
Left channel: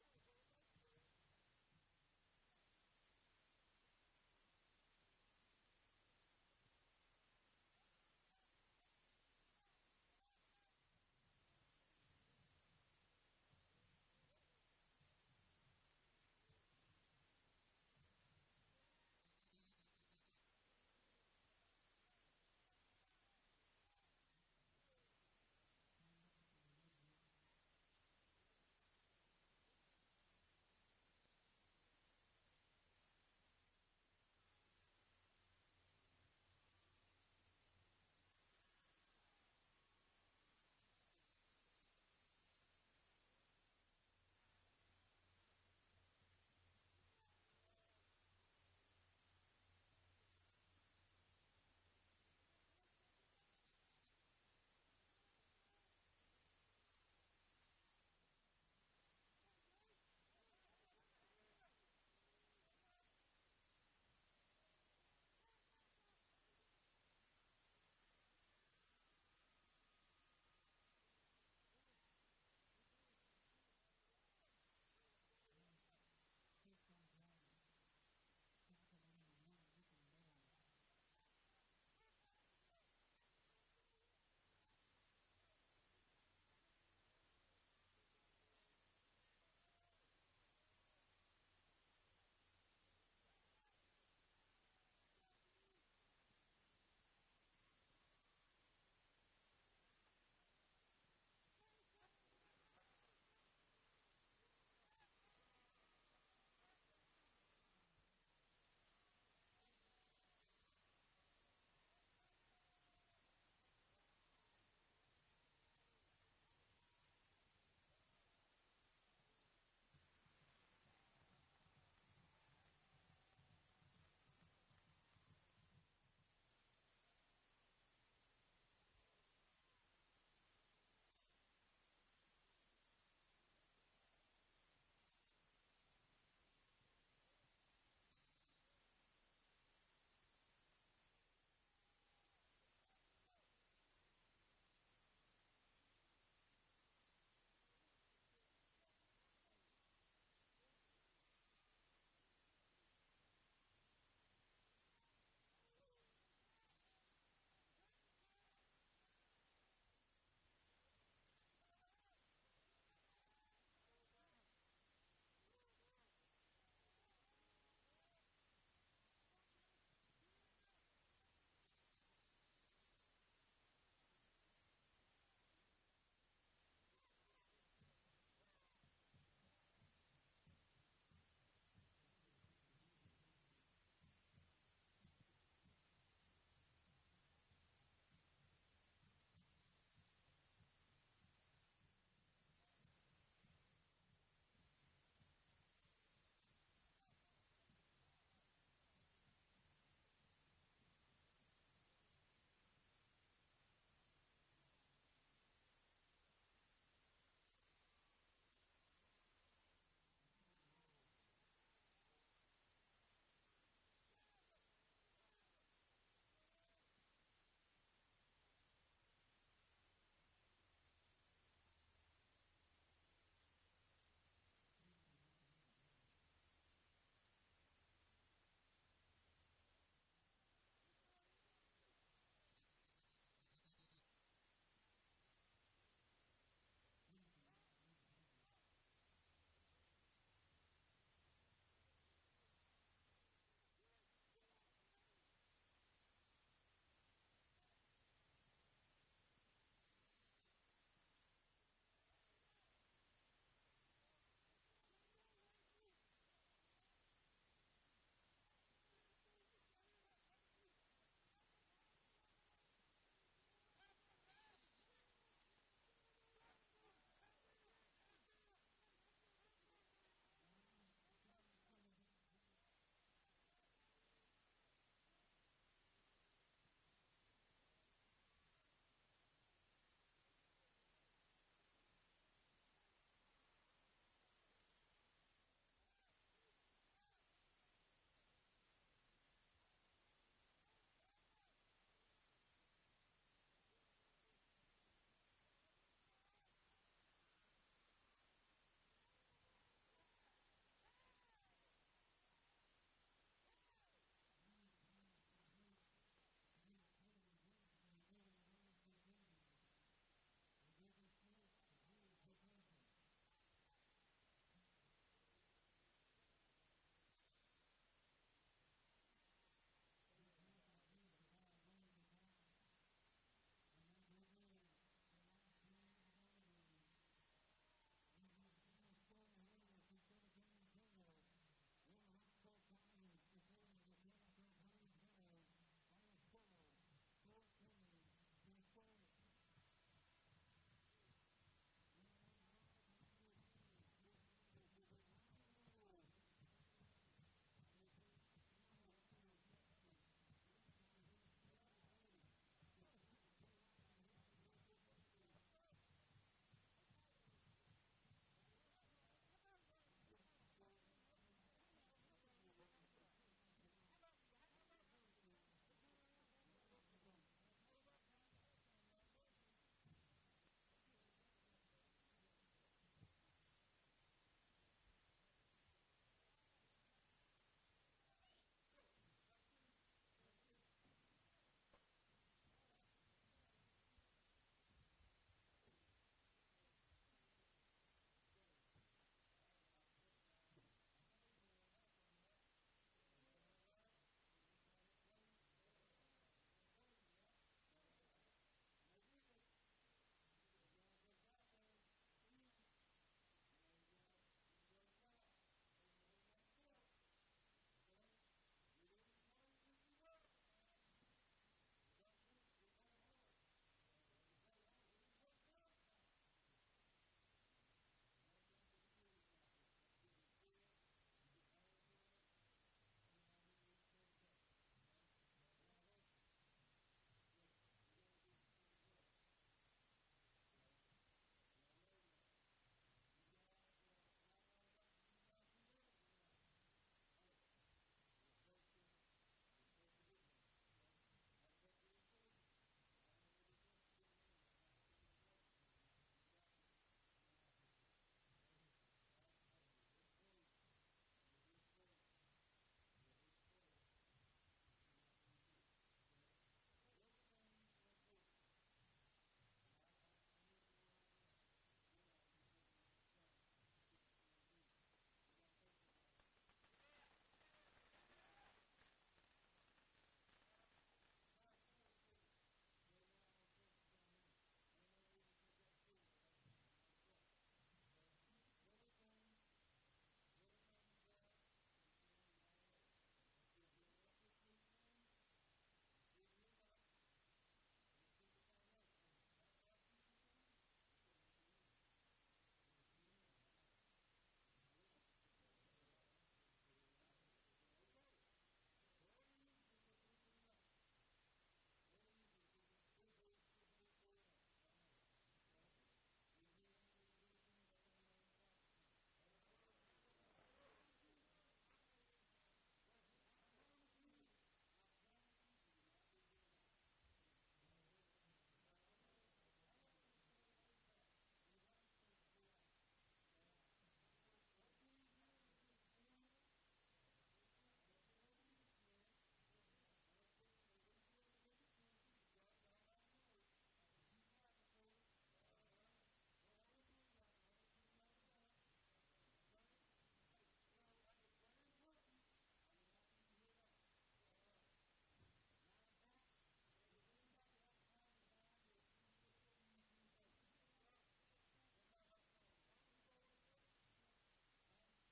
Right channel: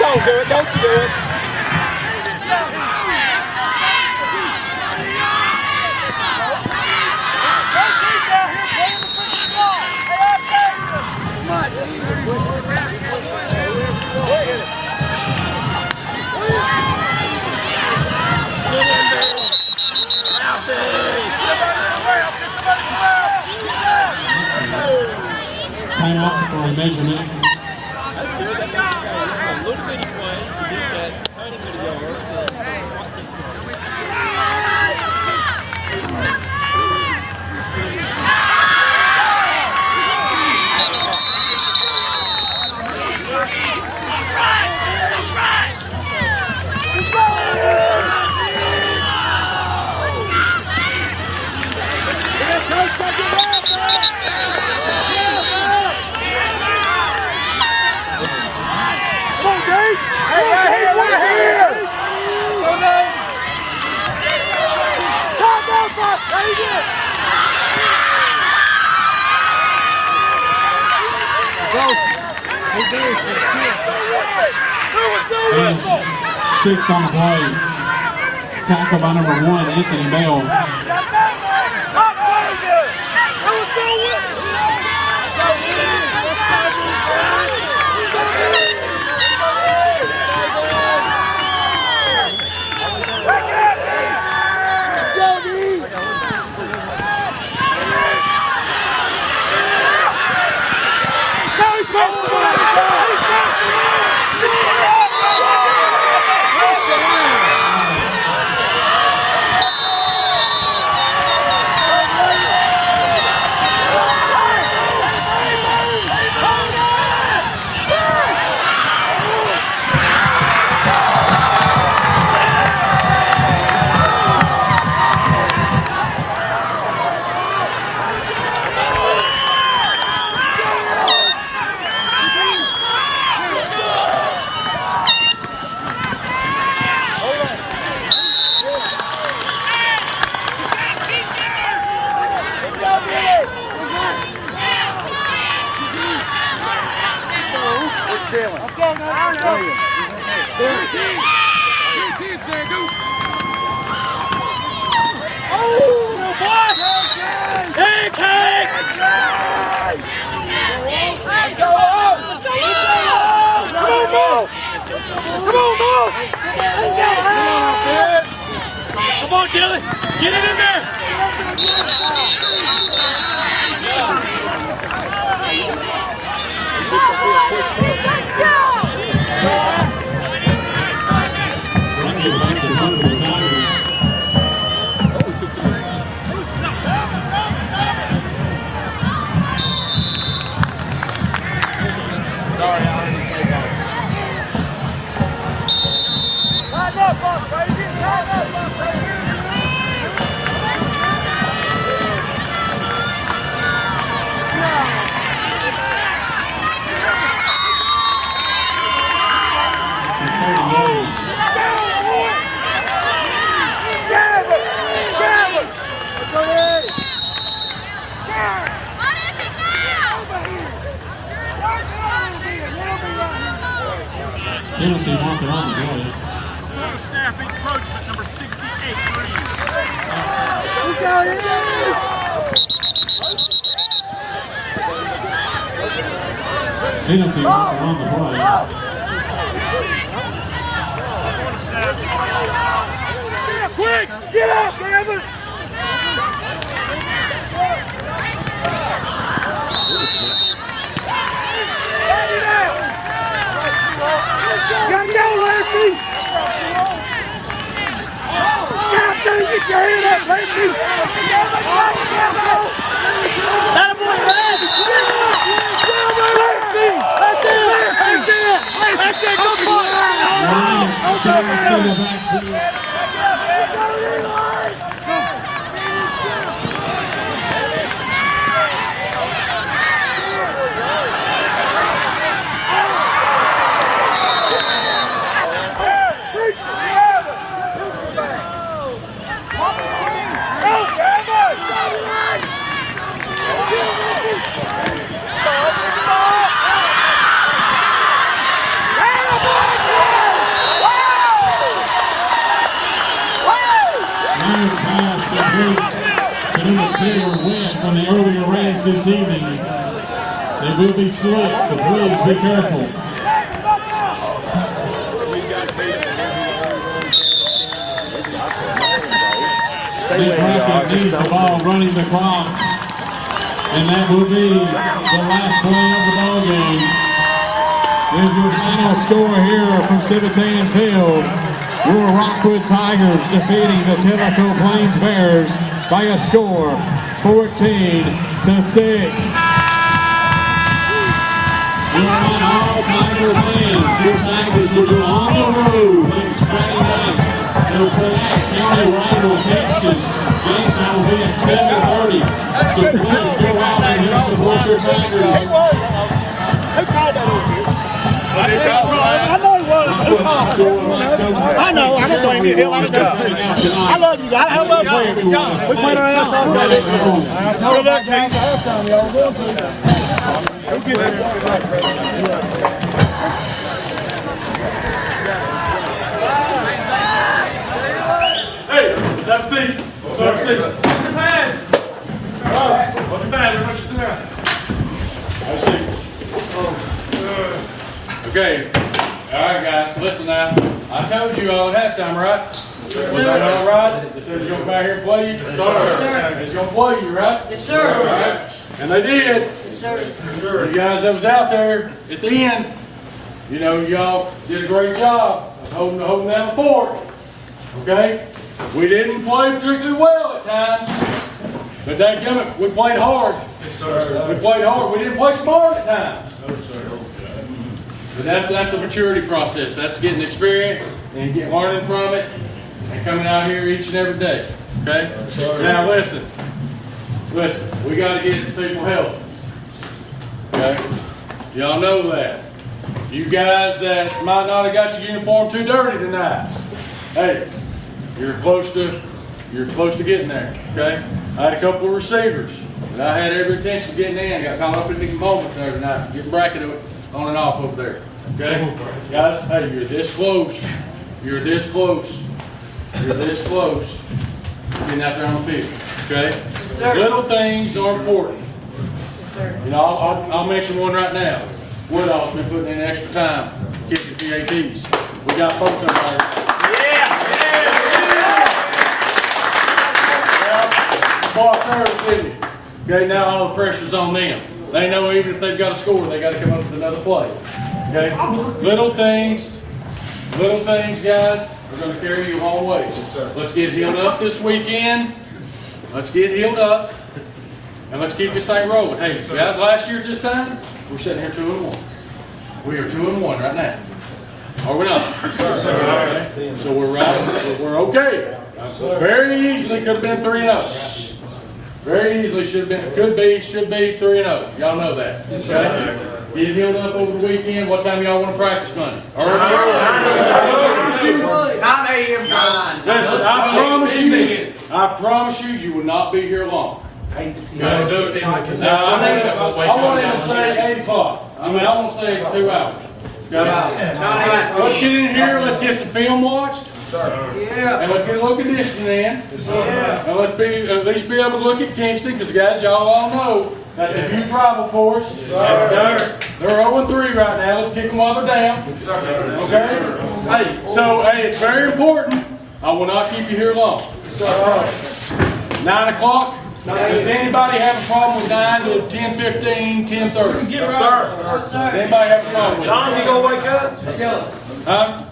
Don't do it, don't you do it. Timeout for a measurement. That's good. That makes a little bitty play to get that tiny bit of yards. And 6 on the play. Tackle by number 1, Anthony Bell. encroachment, number 68, green. Who's got it? Penalty on the play. Quick! Get up, Gavin! Gotta go, Lefty! God, dude, get your head up, Lefty! That boy, Lefty! That's it, go for it! Line shot to the backfield. Lions pass complete to number 2, Wynn, from the earlier rains this evening. They will be slick, so please be careful. Nick Brackett needs the ball running the clock. And that will be the last play of the ball game. With your final score here from 17 Field, your Rockwood Tigers defeating the Tellico Plains Bears by a score 14-6. You're on all Tiger lanes. Your Tigers will go on the road next Friday night. They'll play at county rival Kingston. Game time will be at 7:30. So please go out and help support your Tigers. Who called that over here? I know he was. Who called it? I know. I don't blame you. Hell, I love you guys. I love playing. We played our ass off. Good luck, team. Hey, let's have a seat. Let's have a seat. Look at that. Look at that. Everybody sit down. Have a seat. Okay. All right, guys. Listen now. I told you all at halftime, right? Was that all right? They said he's going to come out here and play you? Yes, sir. He's going to play you, right? Yes, sir. All right. And they did. Yes, sir. Sure. You guys that was out there at the end, you know, y'all did a great job of holding down the fort. Okay? We didn't play particularly well at times, but dadgummit, we played hard. Yes, sir. We played hard. We didn't play smart at times. No, sir. But that's a maturity process. That's getting experience and learning from it and coming out here each and every day. Okay? Now listen. Listen, we got to get some people help. Okay? Y'all know that. You guys that might not have got your uniform too dirty tonight. Hey, you're close to getting there. Okay? I had a couple of receivers that I had every intention of getting in. Got caught up in the moment there tonight, getting bracketed on and off over there. Okay? Guys, hey, you're this close. You're this close. You're this close to getting out there on the field. Okay? Little things are important. You know, I'll mention one right now. Woodall's been putting in extra time kicking the PATs. We got both of them there. Okay, now all the pressure's on them. They know even if they've got a score, they got to come up with another play. Okay? Little things, guys, are going to carry you a long way. Yes, sir. Let's get healed up this weekend. Let's get healed up. And let's keep this thing rolling. Hey, guys, last year at this time, we're sitting here 2-1. We are 2-1 right now. Are we not? Sir. Okay. So we're right. We're okay. Very easily could have been 3-0. Very easily should be 3-0. Y'all know that. Okay? Get healed up over the weekend. What time y'all want to practice Monday? Early. 9 a.m. Listen, I promise you, you will not be here long. I want him to say 8 o'clock. I won't say 2 hours. Okay? Let's get in here. Let's get some film watched. Yeah. And let's get a little conditioning in. And let's at least be able to look at Kingston, because guys, y'all all know that's a huge rival for us. Yes, sir. They're 0-3 right now. Let's kick them while they're down. Okay? Hey, so it's very important. I will not keep you here long. 9 o'clock. Does anybody have a problem with 9 to 10:15, 10:30? Yes, sir. Anybody have a problem with it? Don, you gonna wake up? Huh?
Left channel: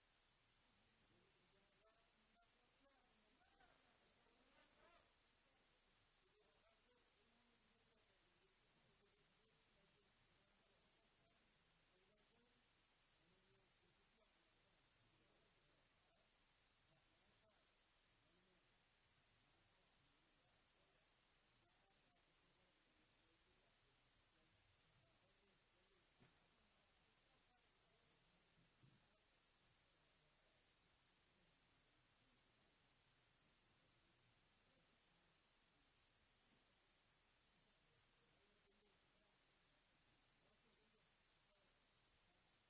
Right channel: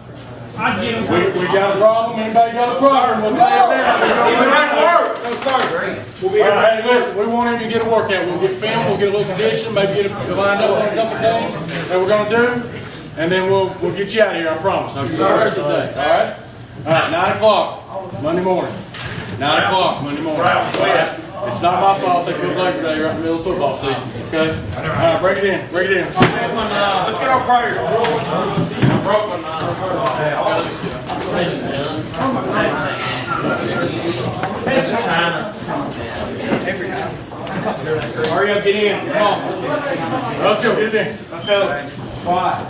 We got a problem? Anybody got a problem? We'll say it there. No, sir. All right, hey, listen, we won't even get a workout. We'll get film, we'll get a little condition, maybe get lined up on a couple things that we're gonna do, and then we'll get you out of here, I promise. I'll see you the rest of the day, all right? All right, 9 o'clock, Monday morning. 9 o'clock, Monday morning. All right? It's not my fault they put Labor Day right in the middle of football season, okay? All right, break it in. Let's get our prayer. Hurry up, get in. Come on. Let's go, get it in. Let's go. Quiet.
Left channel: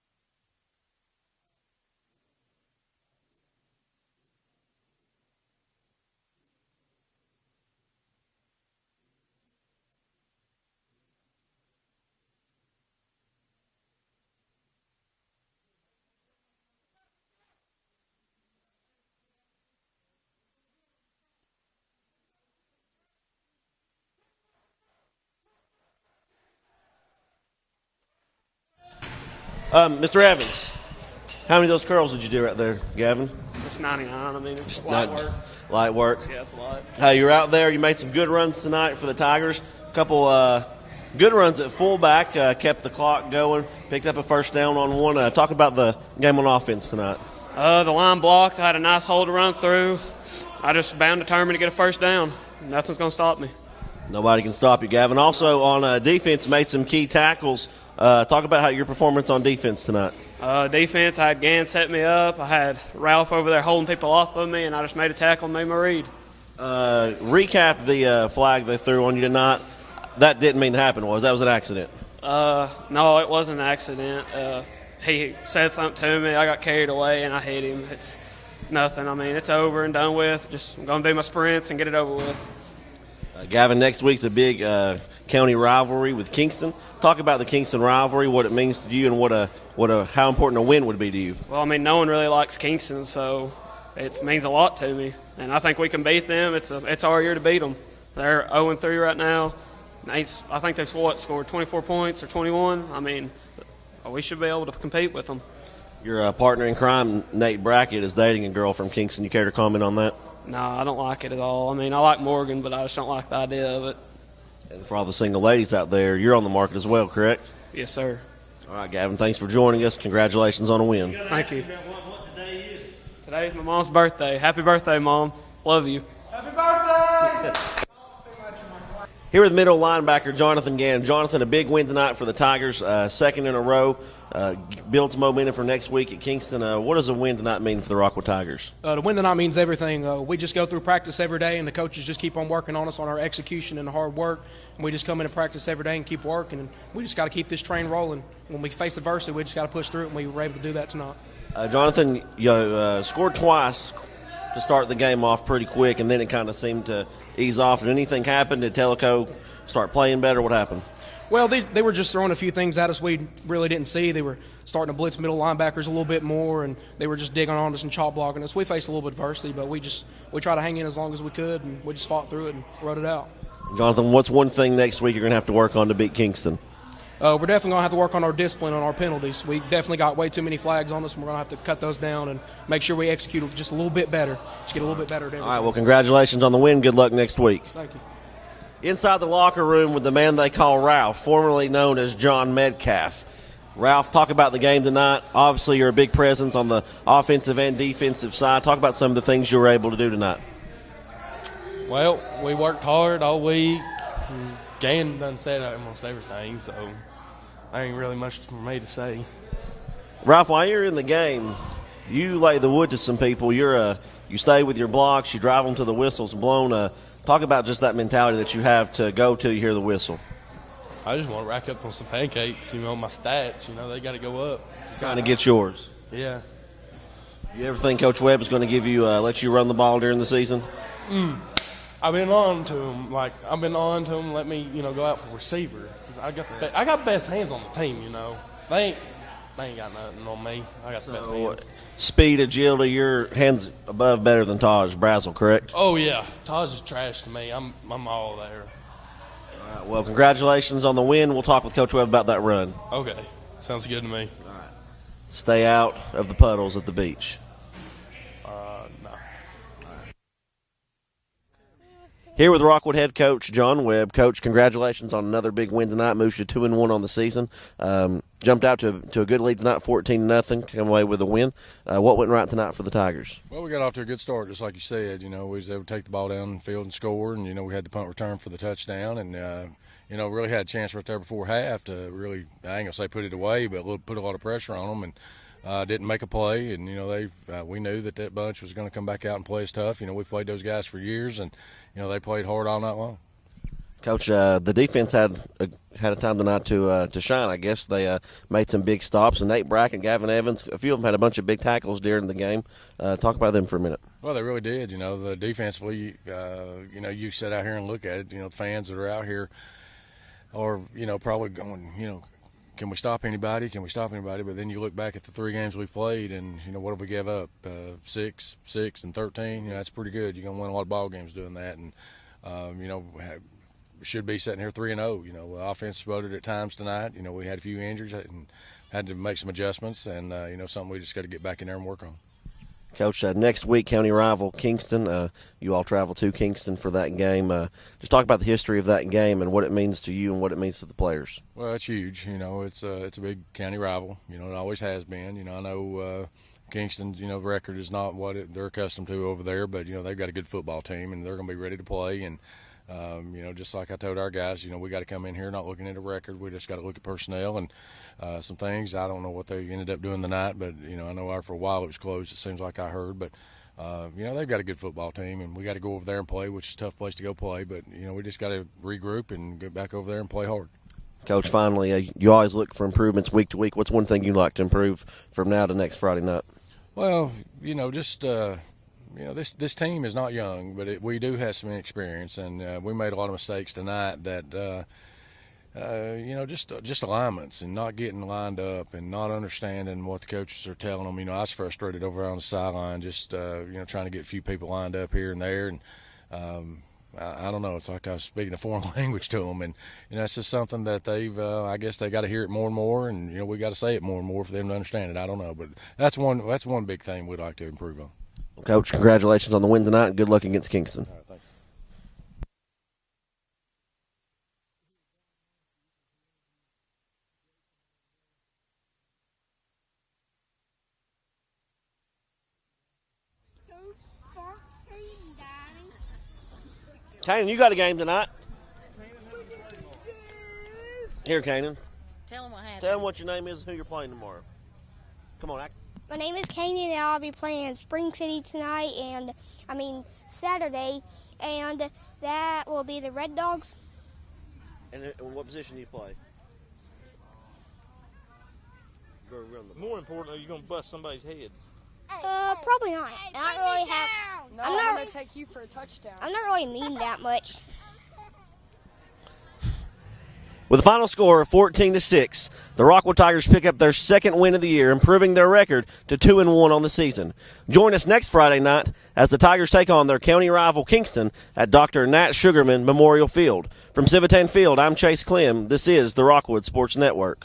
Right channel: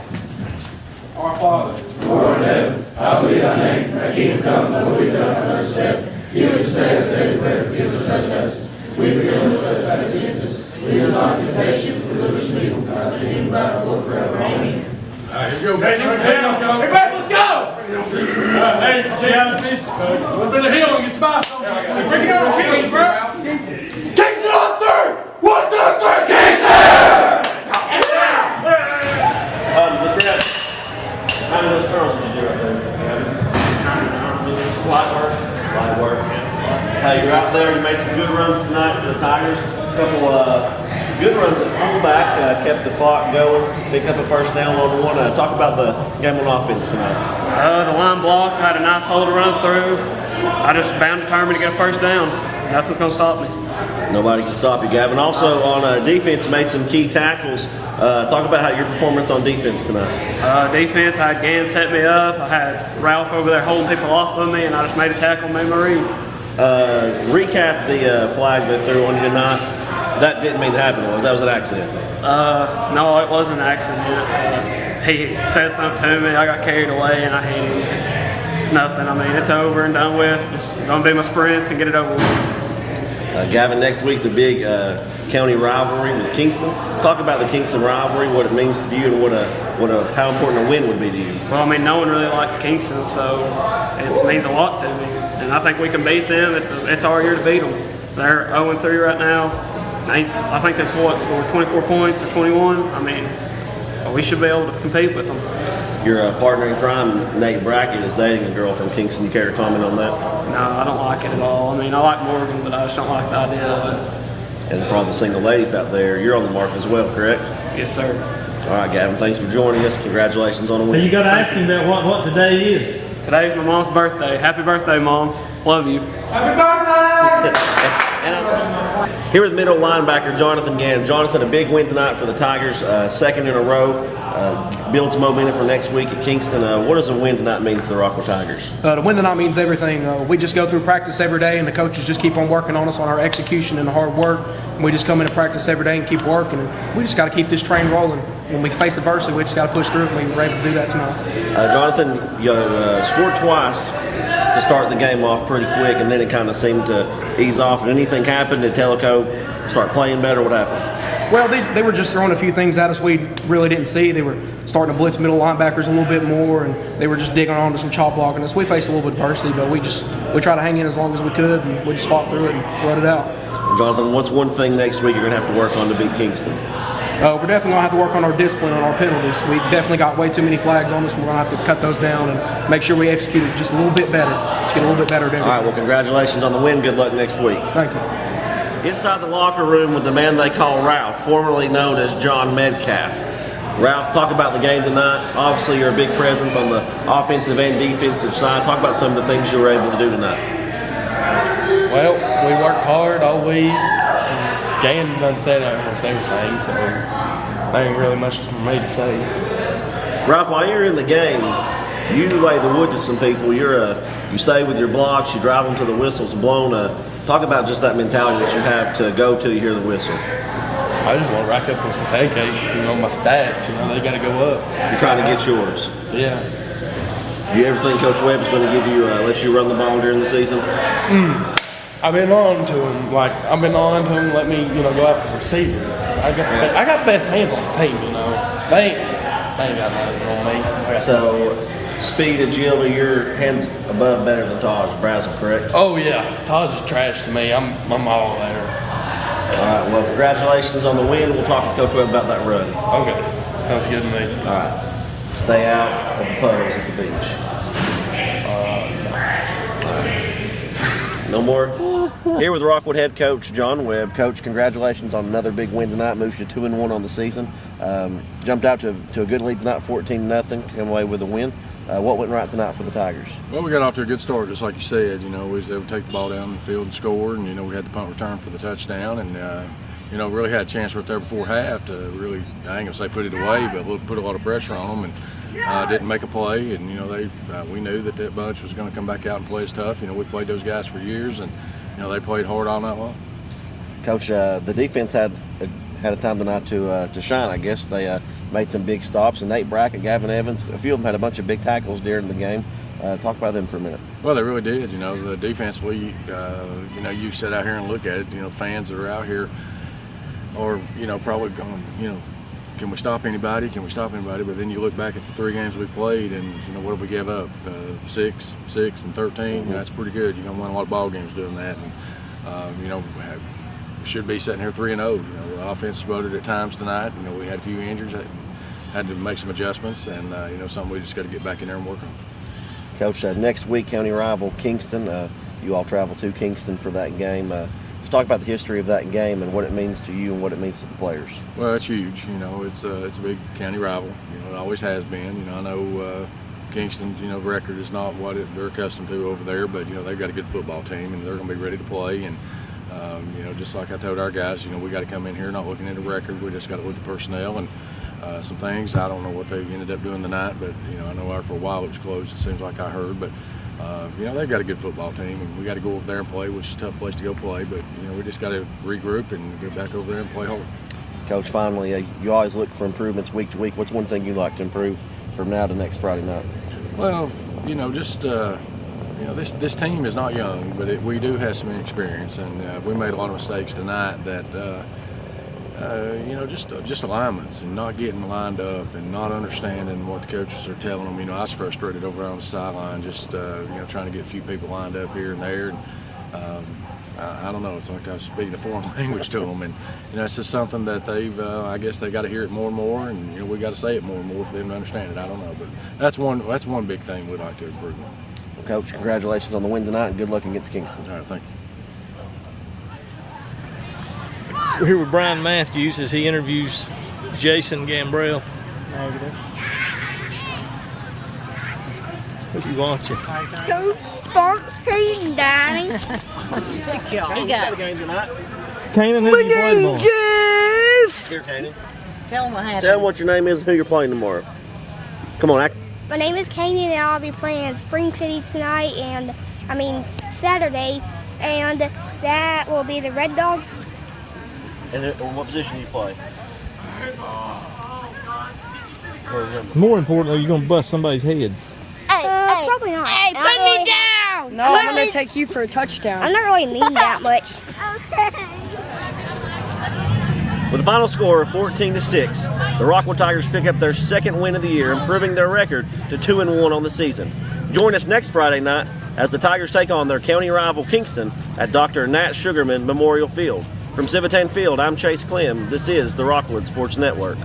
Our Father, who art in heaven, hallowed be thy name. Thy kingdom come, thy will be done on earth as it is in heaven. Give us this day our daily bread, and forgive us our trespasses. We forgive those trespasses against us. Lead us not into temptation, but deliver us from evil. For thine is the kingdom, power, and glory forever. Amen. All right, here we go. Everybody, let's go. Hey, a little bit of healing, it's my song. Bring it on, healing, bro. Kingston on third. 1, 2, 3, Kingston! Mr. Evans, how many of those curls did you do right there, Gavin? Squat work. Light work. You're out there, you made some good runs tonight for the Tigers. A couple good runs at fullback, kept the clock going, picked up a first down on one. Talk about the game on offense tonight. The line blocked, had a nice hole to run through. I just bound determined to get a first down. Nothing's going to stop me. Nobody can stop you, Gavin. Also on defense, made some key tackles. Talk about how your performance on defense tonight. Defense, I had Gann set me up. I had Ralph over there holding people off of me, and I just made a tackle and made my read. Recap the flag they threw on you tonight. That didn't mean to happen, that was an accident? No, it wasn't an accident. He said something to me, I got carried away, and I hit him. It's nothing. I mean, it's over and done with. Just going to do my sprints and get it over with. Gavin, next week's a big county rivalry with Kingston. Talk about the Kingston rivalry, what it means to you, and how important a win would be to you. Well, I mean, no one really likes Kingston, so it means a lot to me. And I think we can beat them. It's our year to beat them. They're 0-3 right now. I think they've scored 24 points or 21. I mean, we should be able to compete with them. Your partner in crime, Nate Brackett, is dating a girl from Kingston. You care to comment on that? No, I don't like it at all. I mean, I like Morgan, but I just don't like the idea of it. And for all the single ladies out there, you're on the mark as well, correct? Yes, sir. All right, Gavin, thanks for joining us. Congratulations on a win. You got to ask him about what today is. Today's my mom's birthday. Happy birthday, Mom. Love you. Happy birthday! Here with middle linebacker Jonathan Gann. Jonathan, a big win tonight for the Tigers, second in a row. Builds momentum for next week at Kingston. What does a win tonight mean for the Rockwood Tigers? The win tonight means everything. We just go through practice every day, and the coaches just keep on working on us on our execution and the hard work. And we just come into practice every day and keep working. And we just got to keep this train rolling. When we face adversity, we just got to push through it, and we were able to do that tonight. Jonathan, you scored twice to start the game off pretty quick, and then it kind of seemed to ease off. Did anything happen? Did Tellico start playing better? What happened? Well, they were just throwing a few things at us we really didn't see. They were starting to blitz middle linebackers a little bit more, and they were just digging onto some chop blocking us. We faced a little bit of adversity, but we tried to hang in as long as we could, and we just fought through it and run it out. Jonathan, what's one thing next week you're going to have to work on to beat Kingston? We're definitely going to have to work on our discipline, on our penalties. We definitely got way too many flags on us. We're going to have to cut those down and make sure we execute it just a little bit better. Just get a little bit better at everything. All right, well, congratulations on the win. Good luck next week. Thank you. Inside the locker room with the man they call Ralph, formerly known as John Metcalf. Ralph, talk about the game tonight. Obviously, you're a big presence on the offensive and defensive side. Talk about some of the things you were able to do tonight. Well, we worked hard all week. Gann done said almost everything, so there ain't really much for me to say. Ralph, while you're in the game, you lay the wood to some people. You stay with your blocks. You drive them to the whistles blown. Talk about just that mentality that you have to go till you hear the whistle. I just want to rack up on some pancakes, my stats, they got to go up. You're trying to get yours. Yeah. Do you ever think Coach Webb is going to give you let you run the ball during the season? I've been on to him. I've been on to him. Let me, go out for receiver. I got best hands on the team. They ain't got nothing on me. So, speed, agility, your hands above better than Taj Brazel, correct? Oh yeah, Taj is trash to me. I'm all there. All right. Well, congratulations on the win. We'll talk with Coach Webb about that run. Okay, sounds good to me. All right. Stay out of the puddles at the beach. No more? Here with Rockwood head coach John Webb. Coach, congratulations on another big win tonight. Moves you 2-1 on the season. Jumped out to a good lead tonight, 14-0. Came away with a win. What went right tonight for the Tigers? Well, we got off to a good start, just like you said. We was able to take the ball down the field and score, and we had the punt return for the touchdown, and really had a chance right there before half to really, I ain't gonna say put it away, but put a lot of pressure on them, and didn't make a play. And we knew that bunch was going to come back out and play us tough. We played those guys for years, and they played hard all night long. Coach, the defense had a time tonight to shine. I guess they made some big stops, and Nate Brackett, Gavin Evans, a few of them had a bunch of big tackles during the game. Talk about them for a minute. Well, they really did. The defensively, you sit out here and look at it. Fans that are out here are, probably going, can we stop anybody? Can we stop anybody? But then you look back at the 3 games we played, and what did we give up? 6, and 13. That's pretty good. You're going to win a lot of ball games doing that. And should be sitting here 3-0. The offense exploded at times tonight. We had a few injuries, had to make some adjustments, and something we just got to get back in there and work on. Coach, next week county rival Kingston. You all travel to Kingston for that game. Just talk about the history of that game and what it means to you and what it means to the players. Well, it's huge. It's a big county rival. It always has been. I know Kingston's record is not what they're accustomed to over there, but they've got a good football team and they're going to be ready to play. And just like I told our guys, we got to come in here not looking at a record. We just got to look at personnel and some things. I don't know what they ended up doing tonight, but I know for a while it was closed. It seems like I heard, but they've got a good football team, and we got to go over there and play, which is a tough place to go play. But we just got to regroup and get back over there and play hard. Coach, finally, you always look for improvements week to week. What's one thing you'd like to improve from now to next Friday night? Well, this team is not young, but we do have some experience, and we made a lot of mistakes tonight that, just alignments and not getting lined up and not understanding what the coaches are telling them. I was frustrated over on the sideline, just, trying to get a few people lined up here and there. And, I don't know, it's like I was speaking a foreign language to them, and it's just something that I guess they got to hear it more and more, and we got to say it more and more for them to understand it. I don't know, but that's one big thing we'd like to improve on. Well, Coach, congratulations on the win tonight, and good luck against Kingston. All right, thank you. We're here with Brian Matthews as he interviews Jason Gambrell. What do you want you? Go 14, Daddy. Hey, you got a game tonight. Kanan, who do you play tomorrow? Here, Kanan. Tell him what happened. Tell them what your name is and who you're playing tomorrow. Come on, act. My name is Kanan, and I'll be playing at Spring City tonight, Saturday, and that will be the Red Dogs. And what position do you play? More importantly, you're going to bust somebody's head. Probably not. Hey, put me down! No, I'm going to take you for a touchdown. I'm not really mean that much. With a final score of 14-6, the Rockwood Tigers pick up their second win of the year, improving their record to 2-1 on the season. Join us next Friday night as the Tigers take on their county rival Kingston at Dr. Nat Sugarman Memorial Field. From Civitan Field, I'm Chase Clem. This is the Rockwood Sports Network.